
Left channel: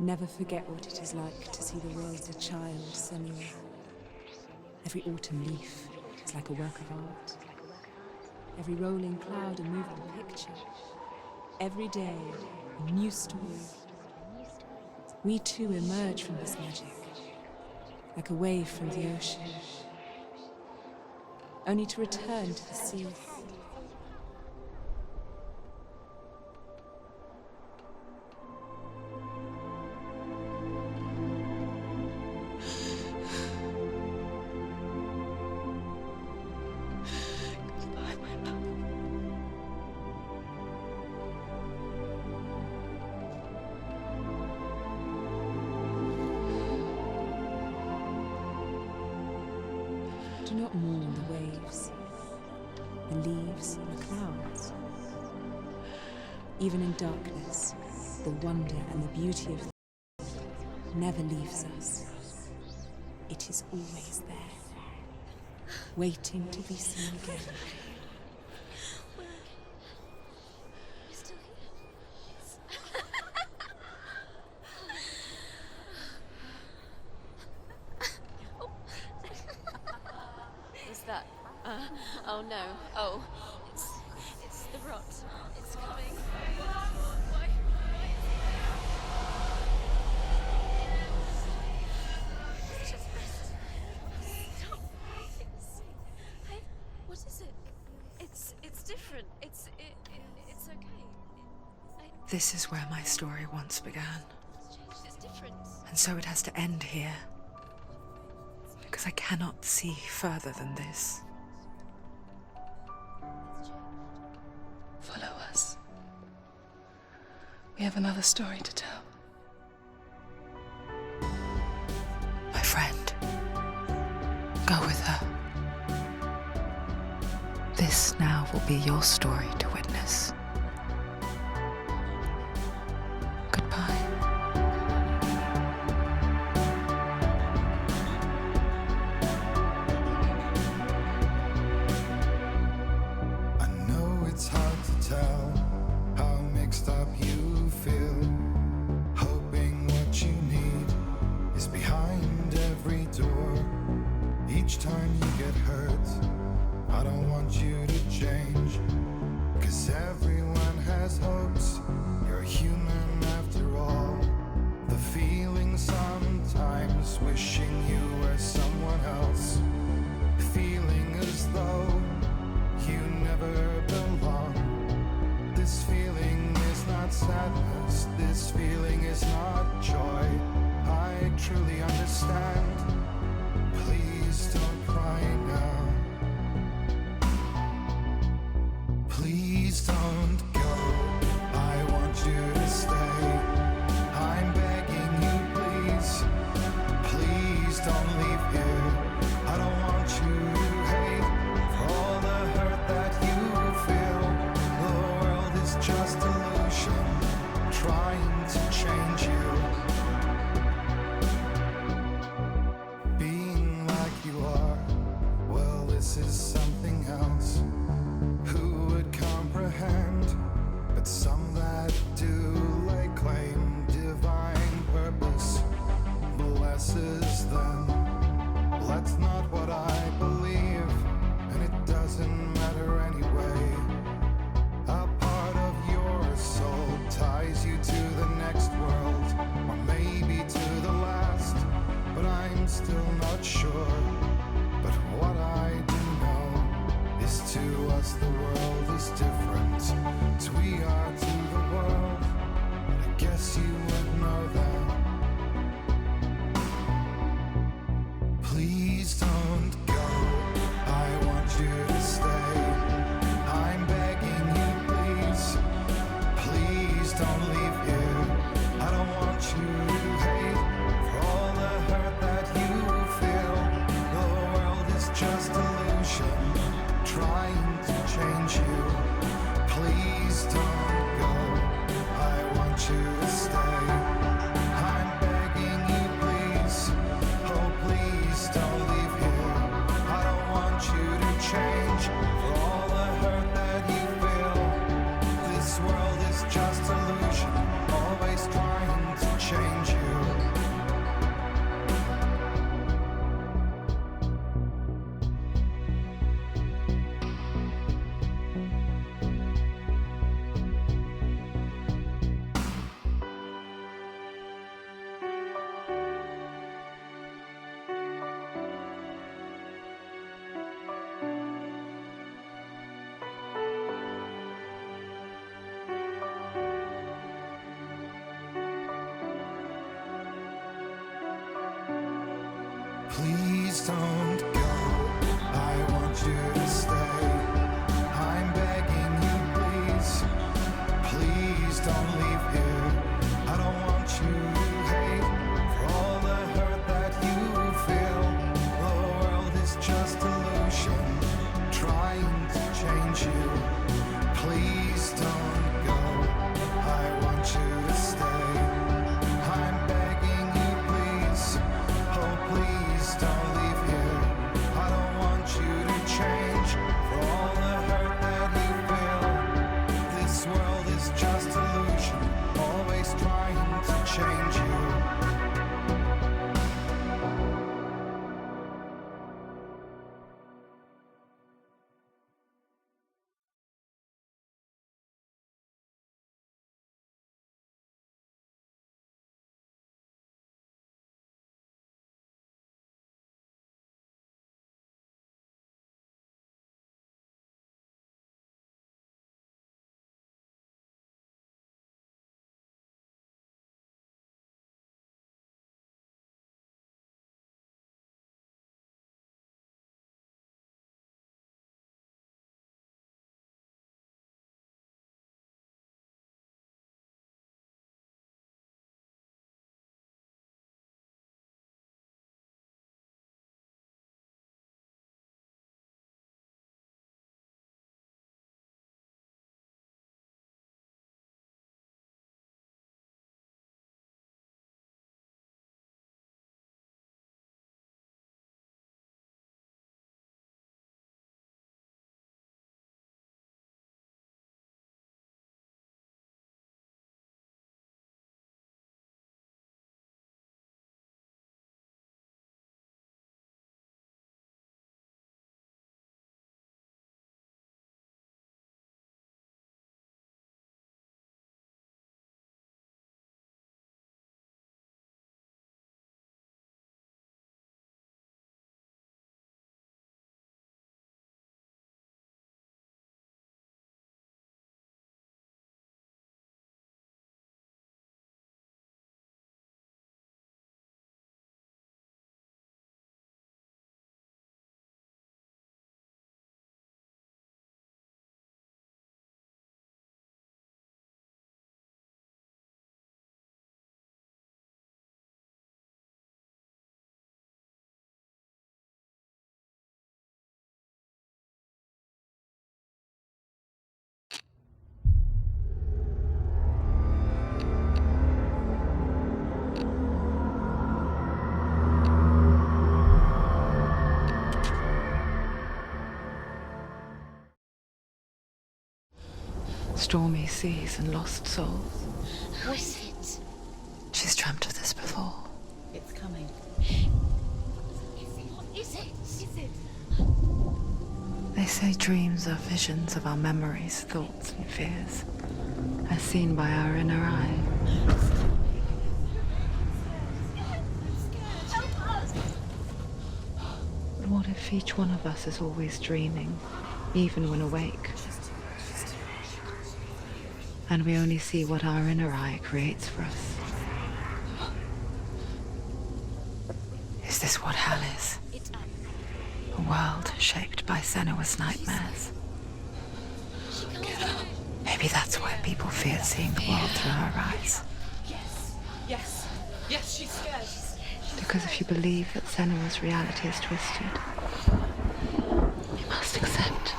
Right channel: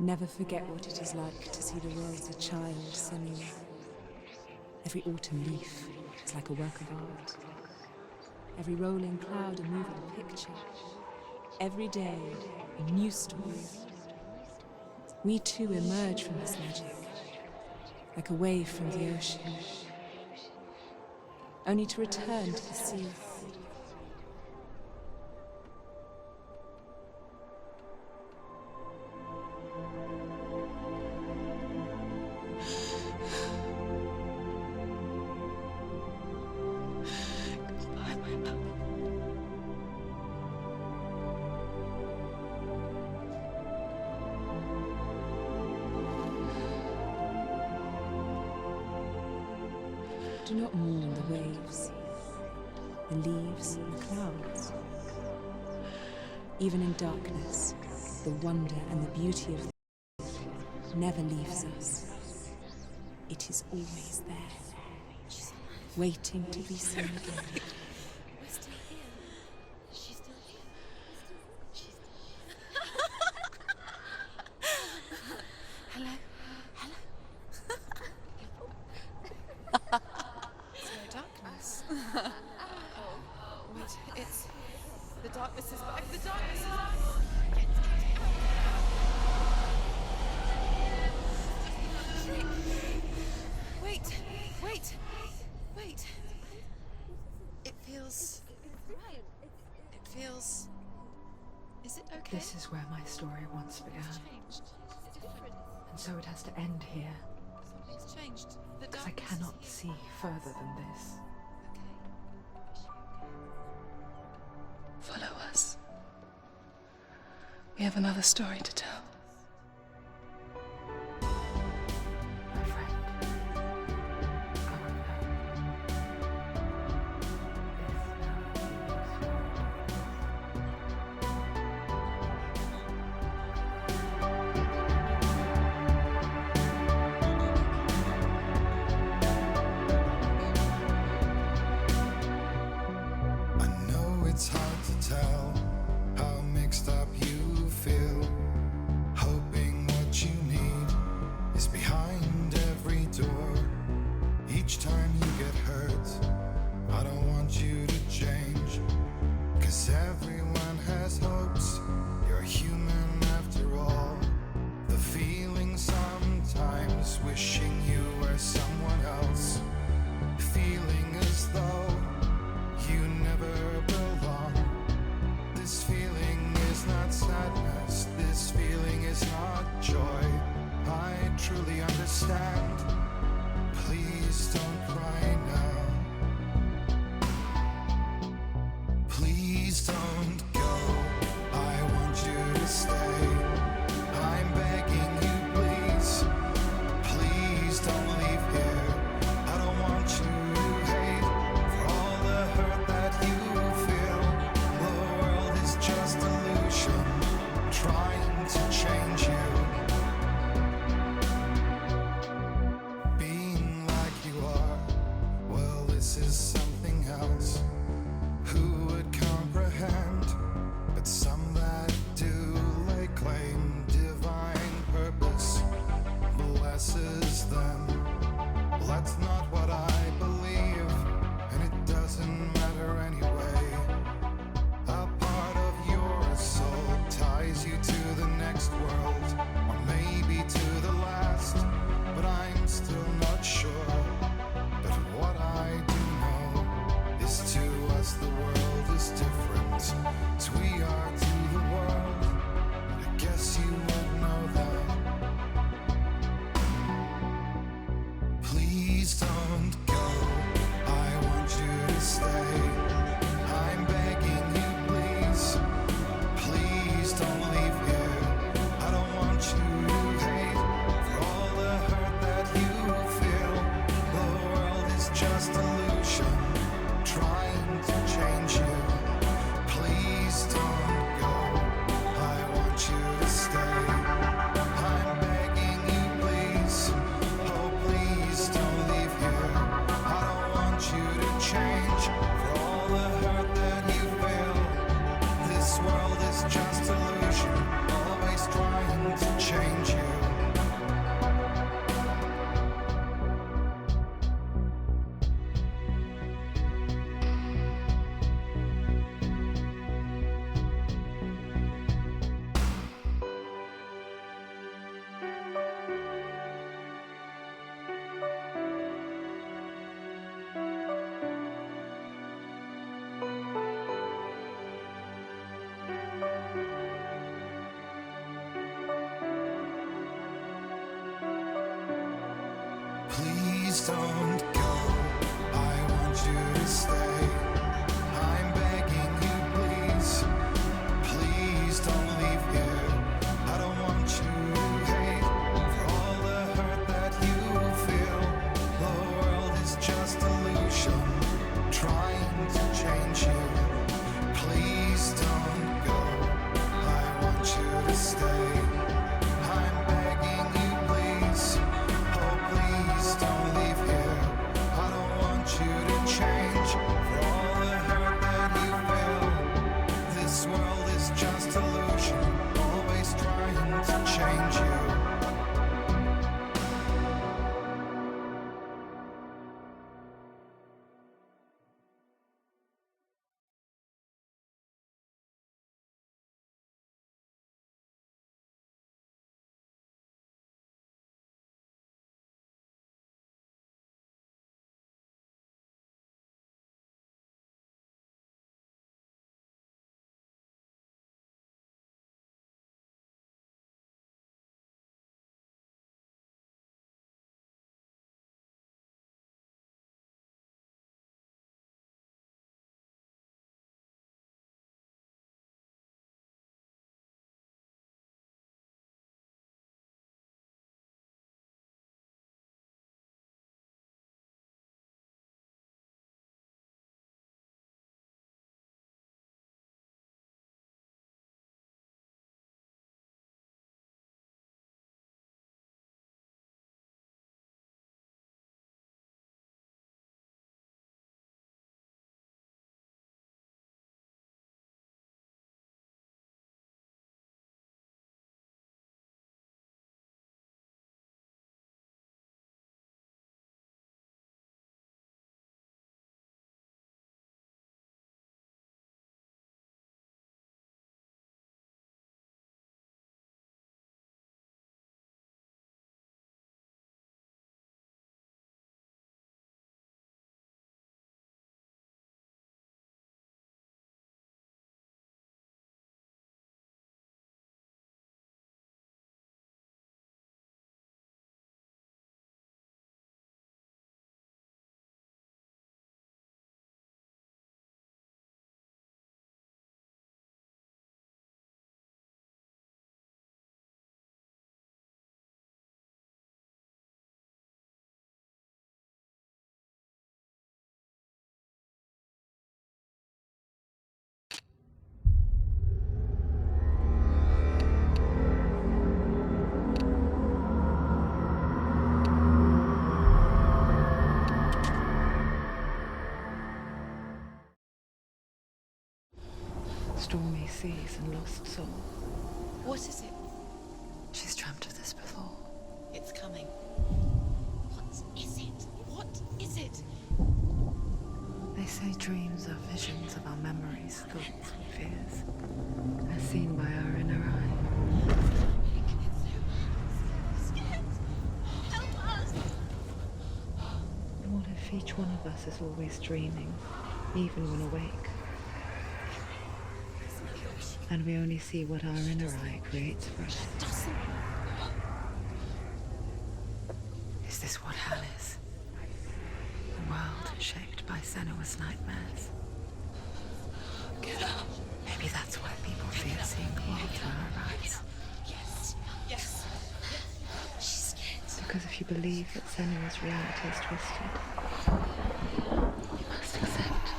Never forget what it is like to see the world as a child, Senua. Every autumn leaf is like a work of art. Every rolling cloud a moving picture. Every day, a new story. We too emerge from this magic, like a wave from the ocean, only to return to the sea. Do not mourn the waves, the leaves, and the clouds. Even in darkness, the wonder and the beauty of the earth never leaves us. It is always there, waiting to be seen again. Oh no. Oh. It's the rocks. The darkness is back. The darkness is Wait. What is it? It This is where my story once began. And so it has to end here. Because I cannot see further than this. Follow us. We have another story to tell. My friend, go with her. This now will be your story to witness. Goodbye. I know it's hard to tell how mixed up you feel, hoping what you need is behind every door. Each time you get hurt, I don't want you to change, 'cause everyone has hopes. You're human after all. The feeling sometimes wishing you were someone else, feeling as though you never belong. This feeling is not sadness, this feeling is not joy. I truly understand. Please don't cry now. Please don't go, I want you to stay. I'm begging you, please. Please don't leave here. I don't want you to hate for all the hurt that you feel. The world is just illusion, trying to change you. Being like you are, well, this is something else. Who would comprehend? But some that do lay claim divine purpose blesses them. Well, that's not what I believe, and it doesn't matter anyway. A part of your soul ties you to the next world, or maybe to the last, but I'm still not sure. But what I do know is to us the world is different as we are to the world. I guess you would know that. Please don't go, I want you to stay. I'm begging you, please. Please don't leave here. I don't want you to hate for all the hurt that you feel. The world is just illusion, trying to change you. Please don't go, I want you to stay. I'm begging you, please. Oh, please don't leave here. I don't want you to change for all the hurt that you feel. This world is just illusion, always trying to change you. Please don't go, I want you to stay. I'm begging you, please. Please don't leave here. I don't want you to hate for all the hurt that you feel. The world is just illusion, trying to change you. Please don't go, I want you to stay. I'm begging you, please. Oh, please don't leave here. I don't want you to change for all stormy seas and lost souls. Who is it? She's dreamt of this before. It's coming. Is it? They say dreams are visions of our memories, thoughts, and fears, as seen by our inner eye. But what if each one of us is always dreaming, even when awake? And we only see what our inner eye creates for us. Is this what hell is? A world shaped by Senua's nightmares. Maybe that's why people fear seeing the world through her eyes. Yes, she's scared. Because if you believe that Senua's reality is twisted, you must accept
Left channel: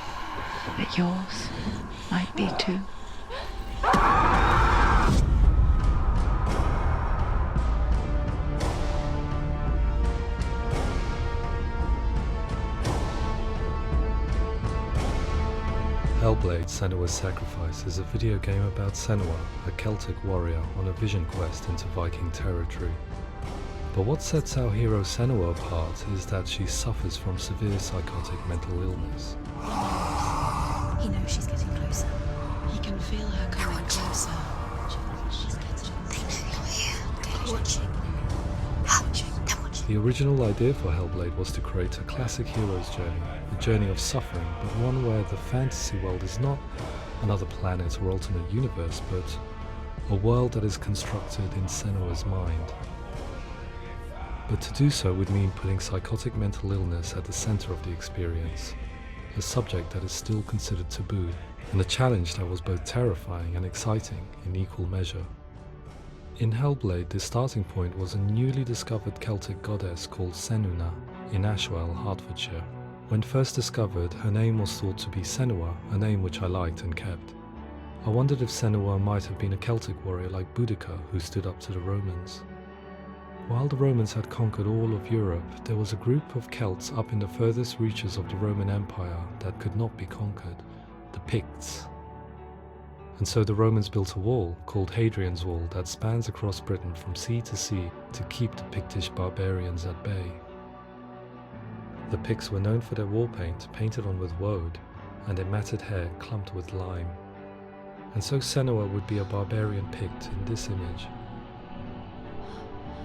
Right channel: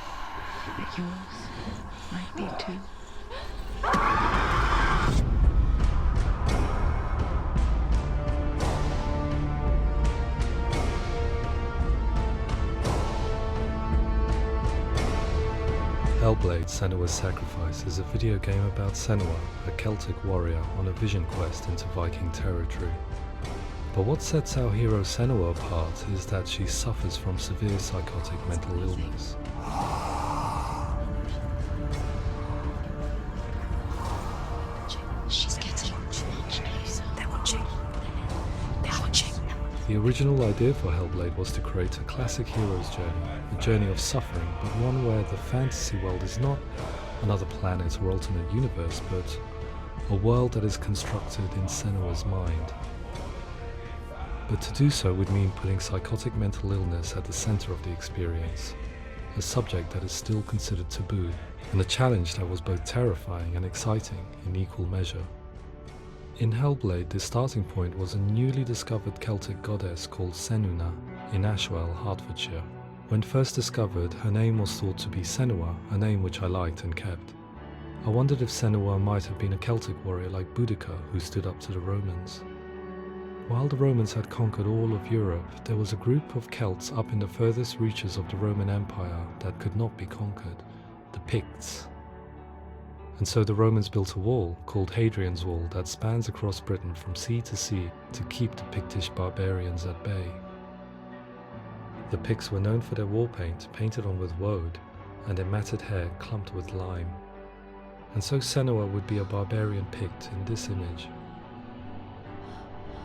that yours might be too. Hellblade Senua's Sacrifice is a video game about Senua, a Celtic warrior on a vision quest into Viking territory. But what sets our hero Senua apart is that she suffers from severe psychotic mental illness. He knows she's getting closer. He can feel her coming closer. She's getting closer. They're watching. The original idea for Hellblade was to create a classic hero's journey, a journey of suffering, but one where the fantasy world is not another planet or alternate universe, but a world that is constructed in Senua's mind. But to do so would mean putting psychotic mental illness at the center of the experience, a subject that is still considered taboo, and a challenge that was both terrifying and exciting in equal measure. In Hellblade, the starting point was a newly discovered Celtic goddess called Senua in Ashwell, Hertfordshire. When first discovered, her name was thought to be Senua, a name which I liked and kept. I wondered if Senua might have been a Celtic warrior like Boudica who stood up to the Romans. While the Romans had conquered all of Europe, there was a group of Celts up in the furthest reaches of the Roman Empire that could not be conquered, the Picts. And so the Romans built a wall, called Hadrian's Wall, that spans across Britain from sea to sea to keep the Pictish barbarians at bay. The Picts were known for their war paint, painted on with woad, and their matted hair clumped with lime. And so Senua would be a barbarian Pict in this image.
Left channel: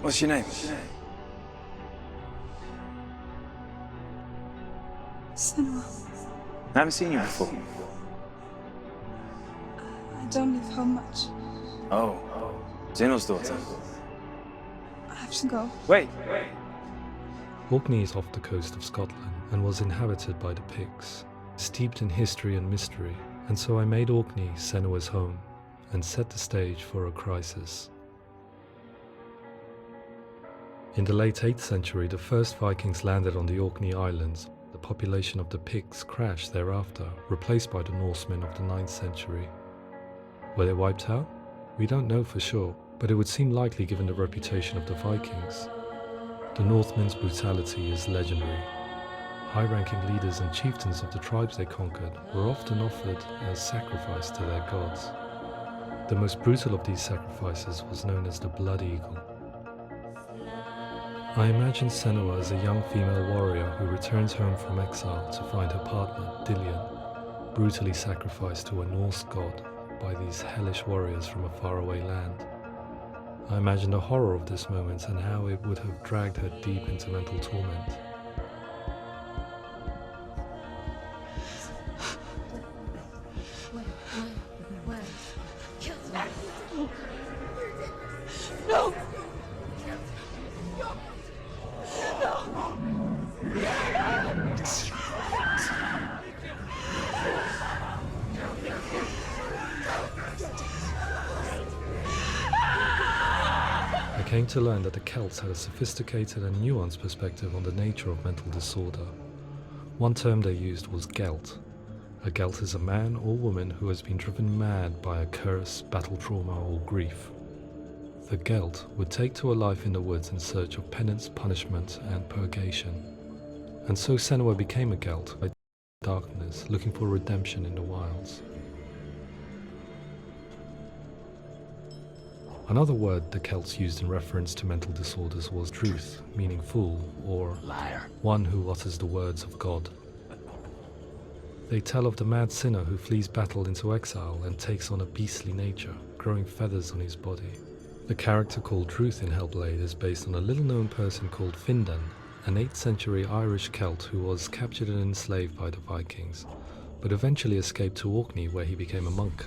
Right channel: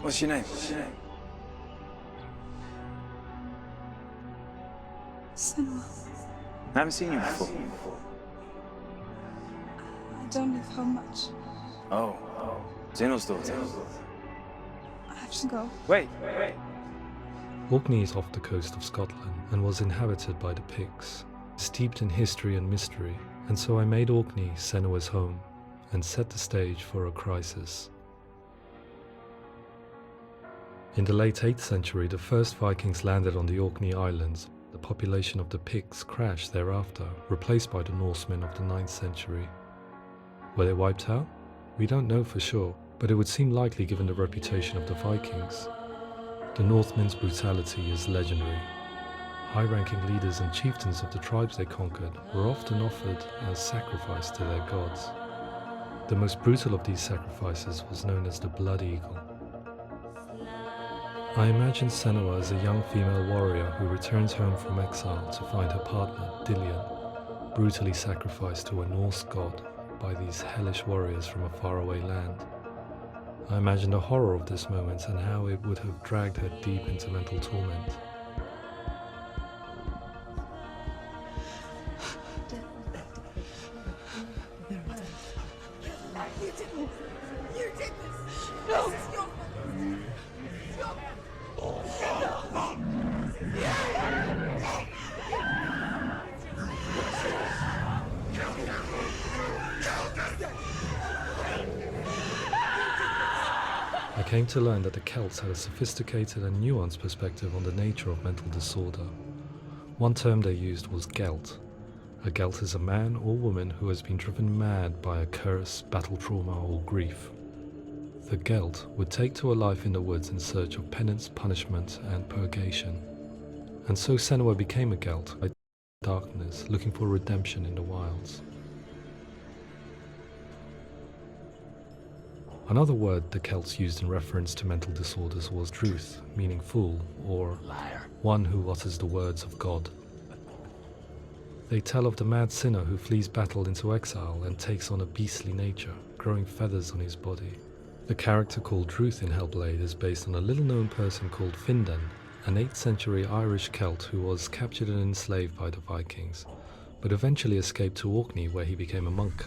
What's your name? Senua. I haven't seen you before. I don't live home much. Oh, Zeno's daughter. I have to go. Wait. Orkney is off the coast of Scotland and was inhabited by the Picts, steeped in history and mystery, and so I made Orkney Senua's home and set the stage for a crisis. In the late 8th century, the first Vikings landed on the Orkney Islands. The population of the Picts crashed thereafter, replaced by the Norsemen of the 9th century. Were they wiped out? We don't know for sure, but it would seem likely given the reputation of the Vikings. The Northmen's brutality is legendary. High-ranking leaders and chieftains of the tribes they conquered were often offered as sacrifice to their gods. The most brutal of these sacrifices was known as the Blood Eagle. I imagine Senua as a young female warrior who returns home from exile to find her partner, Dillion, brutally sacrificed to a Norse god by these hellish warriors from a faraway land. I imagine the horror of this moment and how it would have dragged her deep into mental torment. No! I came to learn that the Celts had a sophisticated and nuanced perspective on the nature of mental disorder. One term they used was Gelt. A Gelt is a man or woman who has been driven mad by a curse, battle trauma, or grief. The Gelt would take to a life in the woods in search of penance, punishment, and purgation. And so Senua became a Gelt by darkness, looking for redemption in the wilds. Another word the Celts used in reference to mental disorders was druth, meaning fool, or Liar. one who utters the words of God. They tell of the mad sinner who flees battle into exile and takes on a beastly nature, growing feathers on his body. The character called Druth in Hellblade is based on a little-known person called Findan, an 8th century Irish Celt who was captured and enslaved by the Vikings, but eventually escaped to Orkney where he became a monk.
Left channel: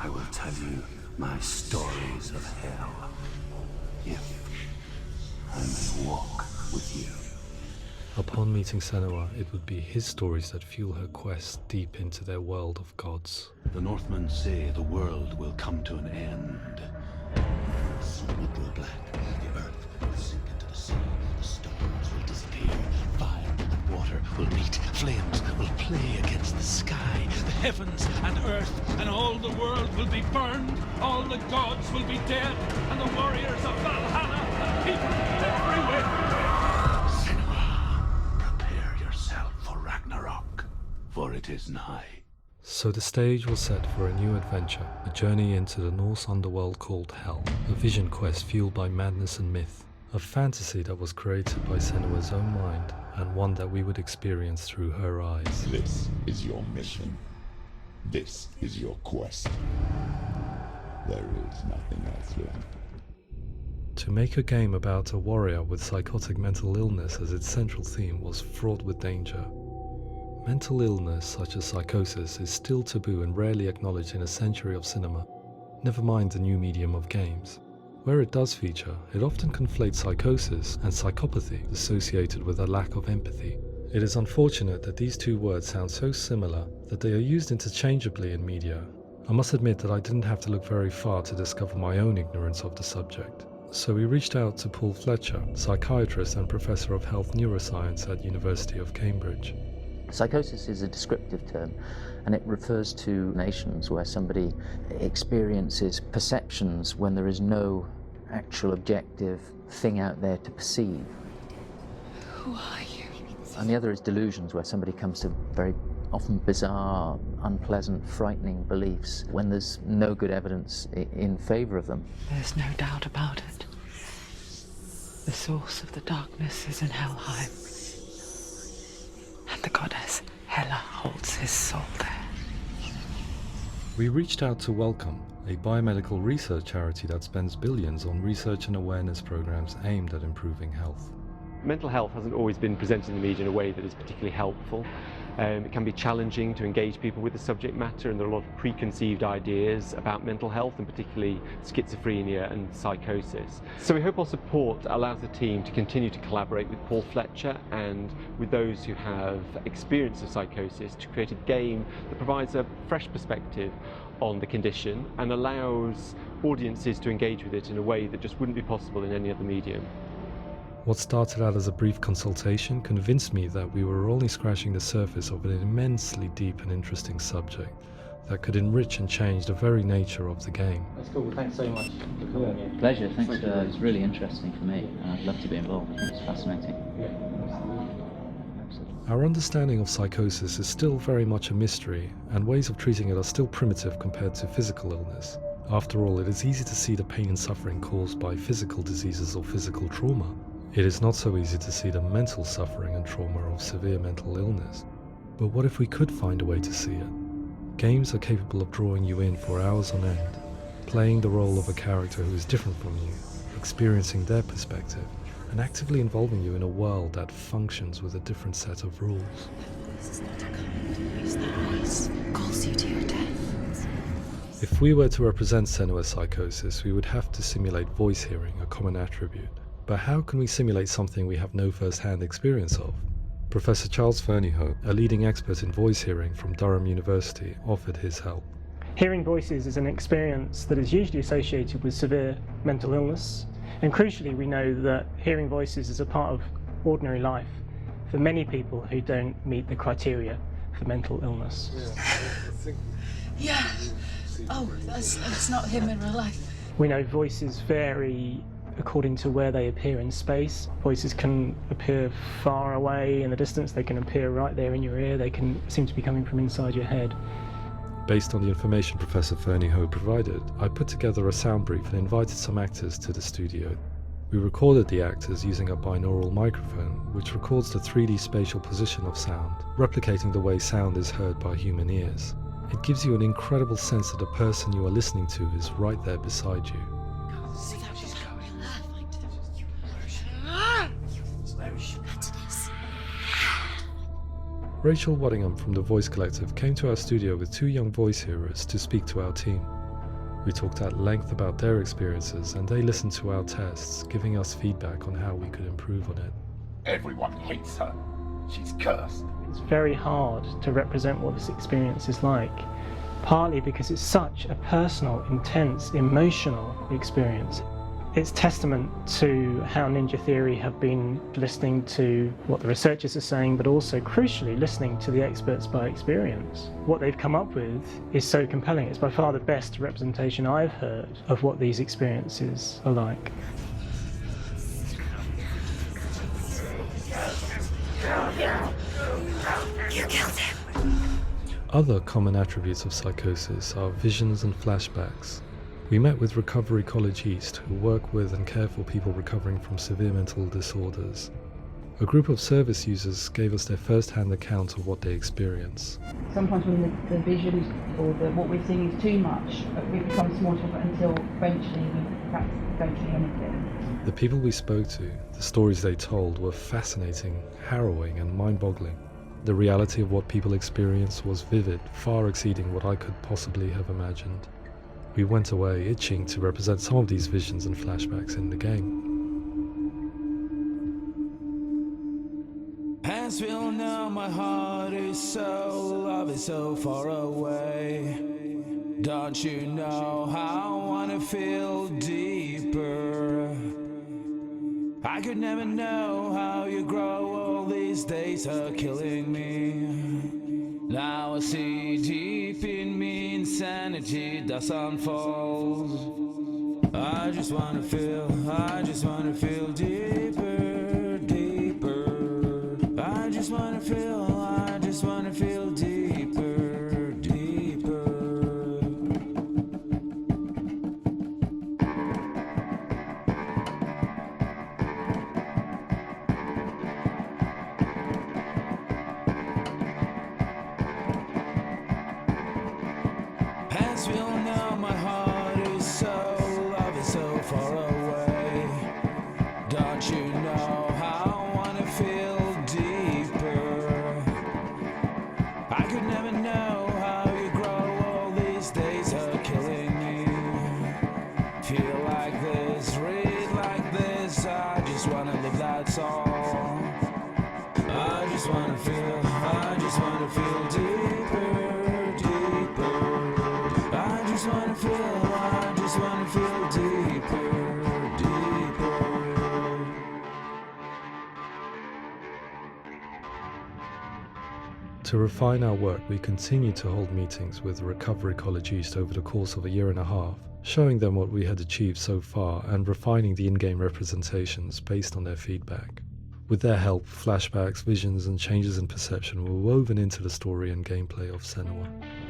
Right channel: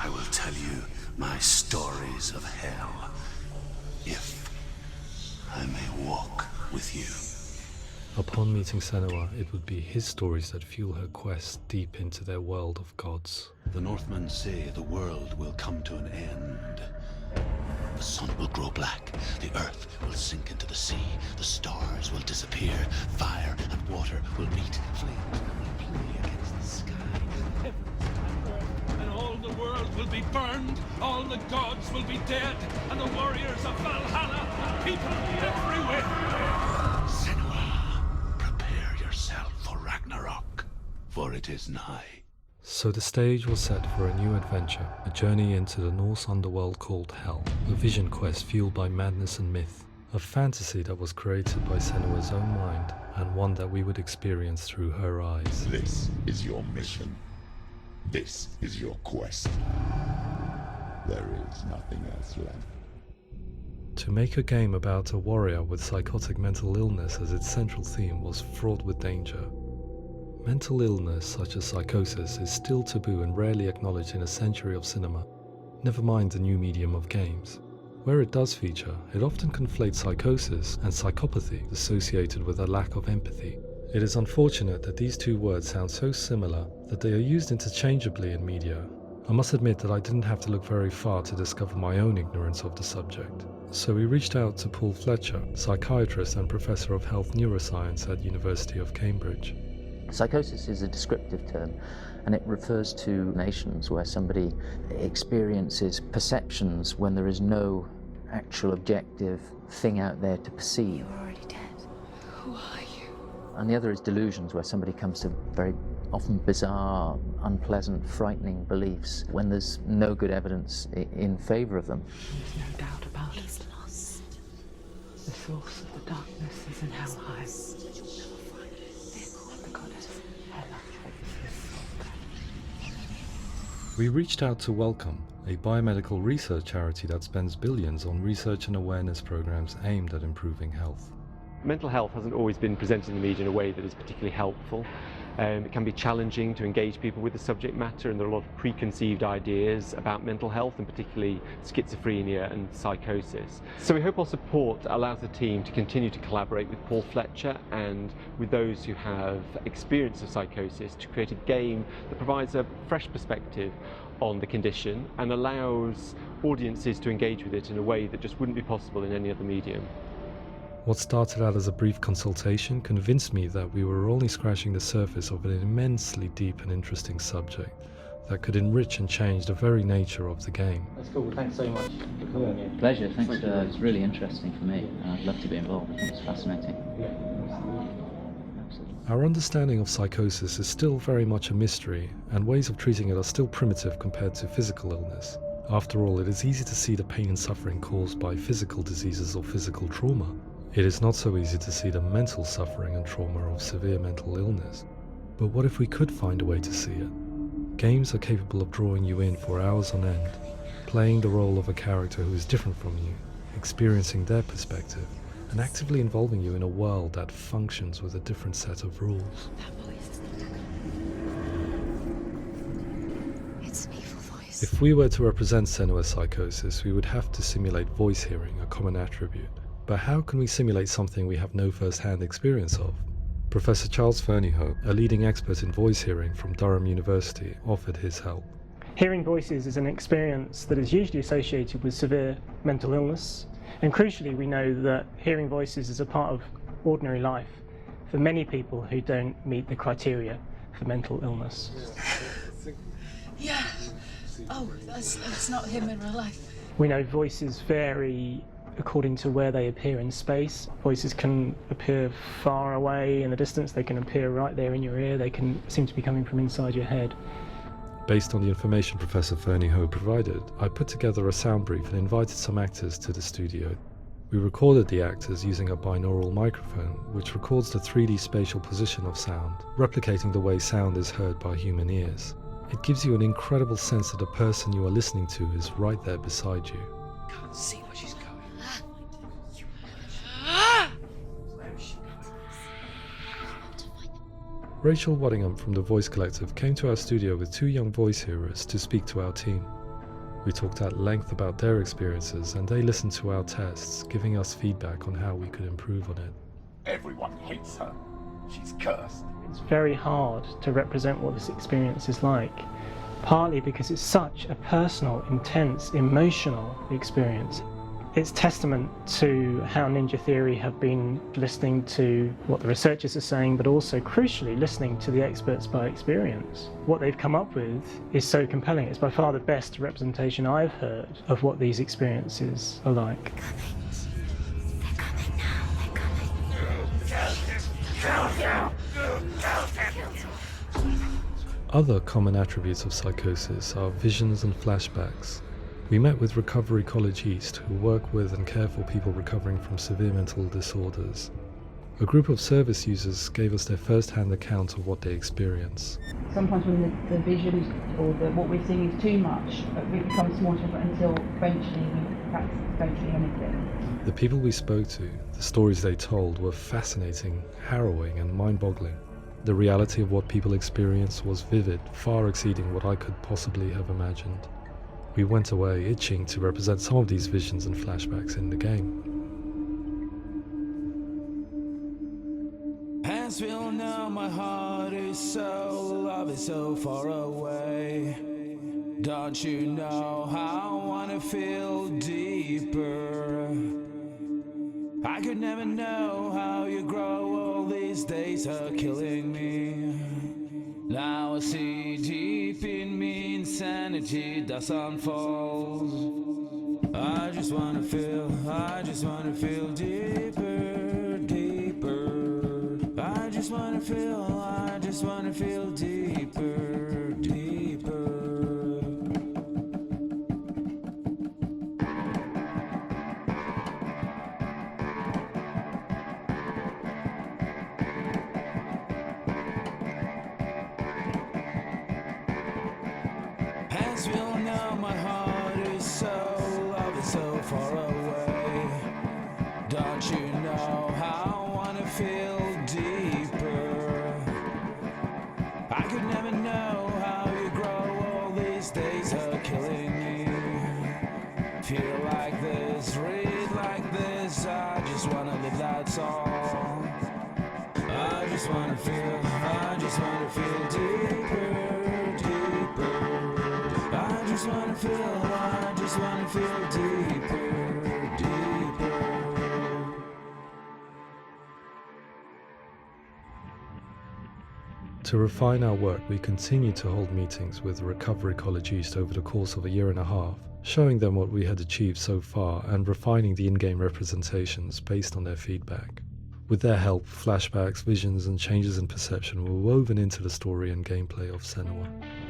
I will tell you my stories of hell, if I may walk with you. Upon meeting Senua, it would be his stories that fuel her quest deep into their world of gods. The Northmen say the world will come to an end. The sun will grow black, the earth will sink into the sea, the stars will disappear, fire and water will meet, flames will play against the sky, the heavens and earth and all the world will be burned, all the gods will be dead, and the warriors of Valhalla and people everywhere. Senua, prepare yourself for Ragnarok, for it is nigh. So the stage was set for a new adventure, a journey into the Norse underworld called Hell, a vision quest fueled by madness and myth, a fantasy that was created by Senua's own mind, and one that we would experience through her eyes. This is your mission. This is your quest. There is nothing else left. To make a game about a warrior with psychotic mental illness as its central theme was fraught with danger. Mental illness such as psychosis is still taboo and rarely acknowledged in a century of cinema, never mind the new medium of games. Where it does feature, it often conflates psychosis and psychopathy associated with a lack of empathy. It is unfortunate that these two words sound so similar that they are used interchangeably in media. I must admit that I didn't have to look very far to discover my own ignorance of the subject. So we reached out to Paul Fletcher, psychiatrist and professor of health neuroscience at University of Cambridge. Psychosis is a descriptive term, and it refers to nations where somebody experiences perceptions when there is no actual objective thing out there to perceive. You're already dead. Who are you? And the other is delusions, where somebody comes to very often bizarre, unpleasant, frightening beliefs when there's no good evidence in favour of them. There's no doubt about it. The source of the darkness is in Helheim. And the goddess Hela holds his soul there. We reached out to Welcome, a biomedical research charity that spends billions on research and awareness programs aimed at improving health. Mental health hasn't always been presented in the media in a way that is particularly helpful. It can be challenging to engage people with the subject matter, and there are a lot of preconceived ideas about mental health, and particularly schizophrenia and psychosis. So we hope our support allows the team to continue to collaborate with Paul Fletcher and with those who have experience of psychosis to create a game that provides a fresh perspective on the condition and allows audiences to engage with it in a way that just wouldn't be possible in any other medium. What started out as a brief consultation convinced me that we were only scratching the surface of an immensely deep and interesting subject that could enrich and change the very nature of the game. That's cool. Thanks so much for coming here. Pleasure. Thanks. It's really interesting for me, and I'd love to be involved. I think it's fascinating. Absolutely. Our understanding of psychosis is still very much a mystery, and ways of treating it are still primitive compared to physical illness. After all, it is easy to see the pain and suffering caused by physical diseases or physical trauma. It is not so easy to see the mental suffering and trauma of severe mental illness. But what if we could find a way to see it? Games are capable of drawing you in for hours on end, playing the role of a character who is different from you, experiencing their perspective, and actively involving you in a world that functions with a different set of rules. That voice is not a command. That voice calls you to your death. It's an evil voice. If we were to represent Senua's psychosis, we would have to simulate voice hearing, a common attribute. But how can we simulate something we have no first-hand experience of? Professor Charles Fernyhough, a leading expert in voice hearing from Durham University, offered his help. Hearing voices is an experience that is usually associated with severe mental illness, and crucially we know that hearing voices is a part of ordinary life for many people who don't meet the criteria for mental illness. Yeah. Oh, that's not him in real life. We know voices vary according to where they appear in space. Voices can appear far away in the distance, they can appear right there in your ear, they can seem to be coming from inside your head. Based on the information Professor Fernie Ho provided, I put together a sound brief and invited some actors to the studio. We recorded the actors using a binaural microphone, which records the 3D spatial position of sound, replicating the way sound is heard by human ears. It gives you an incredible sense that the person you are listening to is right there beside you. Can't see that she's going. Rachel Waddingham from the Voice Collective came to our studio with 2 young voice hearers to speak to our team. We talked at length about their experiences and they listened to our tests, giving us feedback on how we could improve on it. Everyone hates her. She's cursed. It's very hard to represent what this experience is like, partly because it's such a personal, intense, emotional experience. It's testament to how Ninja Theory have been listening to what the researchers are saying, but also, crucially, listening to the experts by experience. What they've come up with is so compelling. It's by far the best representation I've heard of what these experiences are like. Other common attributes of psychosis are visions and flashbacks. We met with Recovery College East, who work with and care for people recovering from severe mental disorders. A group of service users gave us their first-hand account of what they experience. Sometimes when the visions or what we're seeing is too much, it becomes more difficult until eventually we perhaps don't see anything. The people we spoke to, the stories they told, were fascinating, harrowing and mind-boggling. The reality of what people experienced was vivid, far exceeding what I could possibly have imagined. We went away itching to represent some of these visions and flashbacks in the game. As we all know, my heart is so, love is so far away. Don't you know how I wanna feel deeper? I could never know how you grow, all these days are killing me. Now I see deep in me insanity does unfold. I just wanna feel deeper, deeper. I just wanna feel deeper, deeper. As we all know, my heart is so, love is so far away. Don't you know how I wanna feel deeper? I could never know how you grow, all these days are killing me. Feel like this, read like this, I just wanna live, that's all. I just wanna feel deeper, deeper. I just wanna feel deeper, deeper. To refine our work, we continue to hold meetings with Recovery College East over the course of a year and a half, showing them what we had achieved so far and refining the in-game representations based on their feedback. With their help, flashbacks, visions and changes in perception were woven into the story and gameplay of Senua.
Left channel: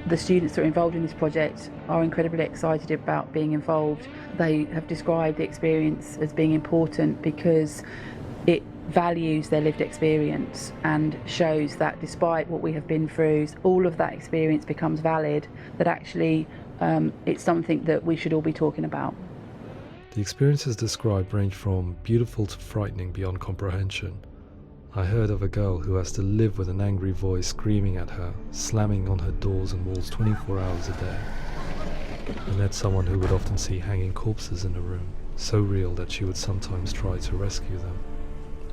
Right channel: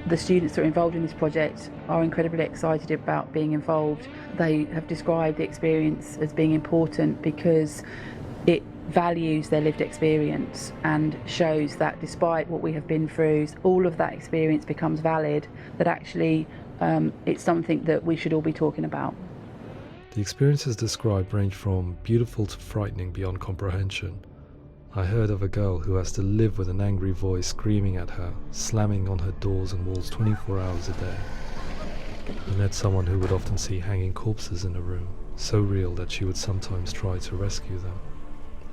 The students that are involved in this project are incredibly excited about being involved. They have described the experience as being important because it values their lived experience and shows that despite what we have been through, all of that experience becomes valid, that actually it's something that we should all be talking about. The experiences described range from beautiful to frightening beyond comprehension. I heard of a girl who has to live with an angry voice screaming at her, slamming on her doors and walls 24 hours a day. I met someone who would often see hanging corpses in a room, so real that she would sometimes try to rescue them.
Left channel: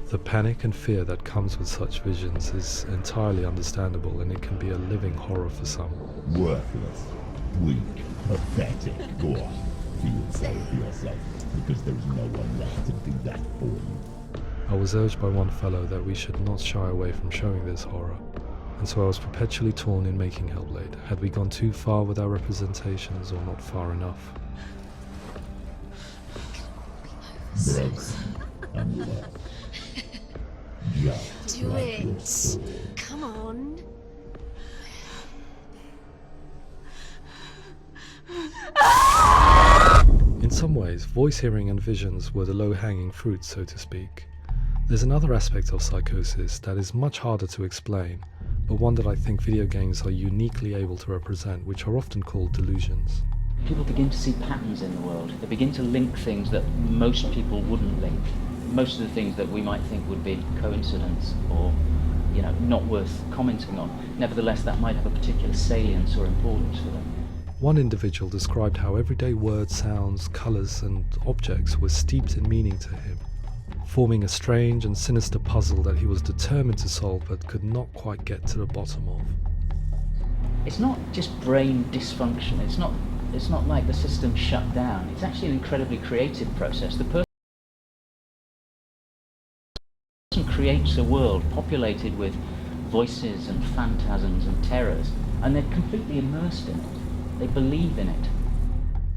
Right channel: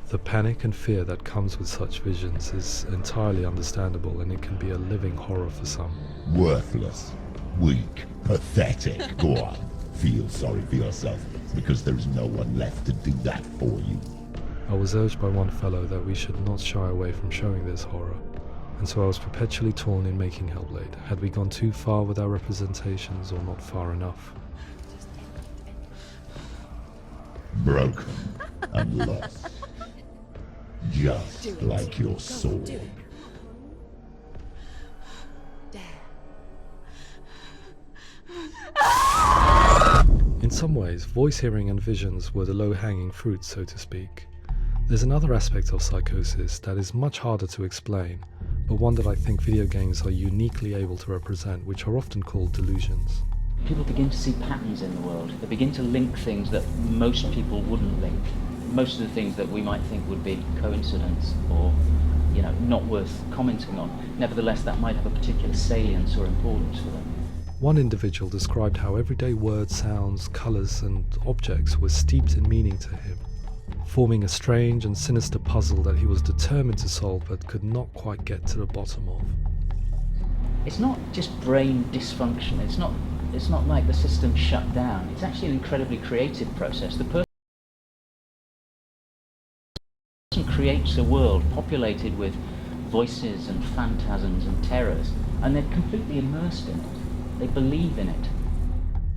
The panic and fear that comes with such visions is entirely understandable, and it can be a living horror for some. Worthless, weak, pathetic. Go on, feel sorry for yourself, because there is no one left to do that for you. I was urged by one fellow that we should not shy away from showing this horror, and so I was perpetually torn in making Hellblade. Had we gone too far with our representations or not far enough? Broken and lost. Just like your sword. Come on. There. some ways, voice hearing and visions were the low-hanging fruit, so to speak. There's another aspect of psychosis that is much harder to explain, but one that I think video games are uniquely able to represent, which are often called delusions. People begin to see patterns in the world. They begin to link things that most people wouldn't link. Most of the things that we might think would be coincidence or, not worth commenting on. Nevertheless, that might have a particular salience or importance for them. One individual described how everyday words, sounds, colours and objects were steeped in meaning to him, forming a strange and sinister puzzle that he was determined to solve but could not quite get to the bottom of. It's not just brain dysfunction, it's not like the system shut down. It's actually an incredibly creative process. The person creates a world populated with voices and phantasms and terrors, and they're completely immersed in it. They believe in it.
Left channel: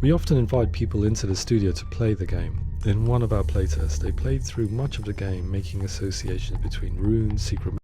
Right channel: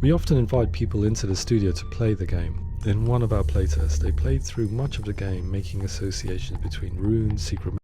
We often invite people into the studio to play the game. In one of our playtests, they played through much of the game, making associations between runes, secret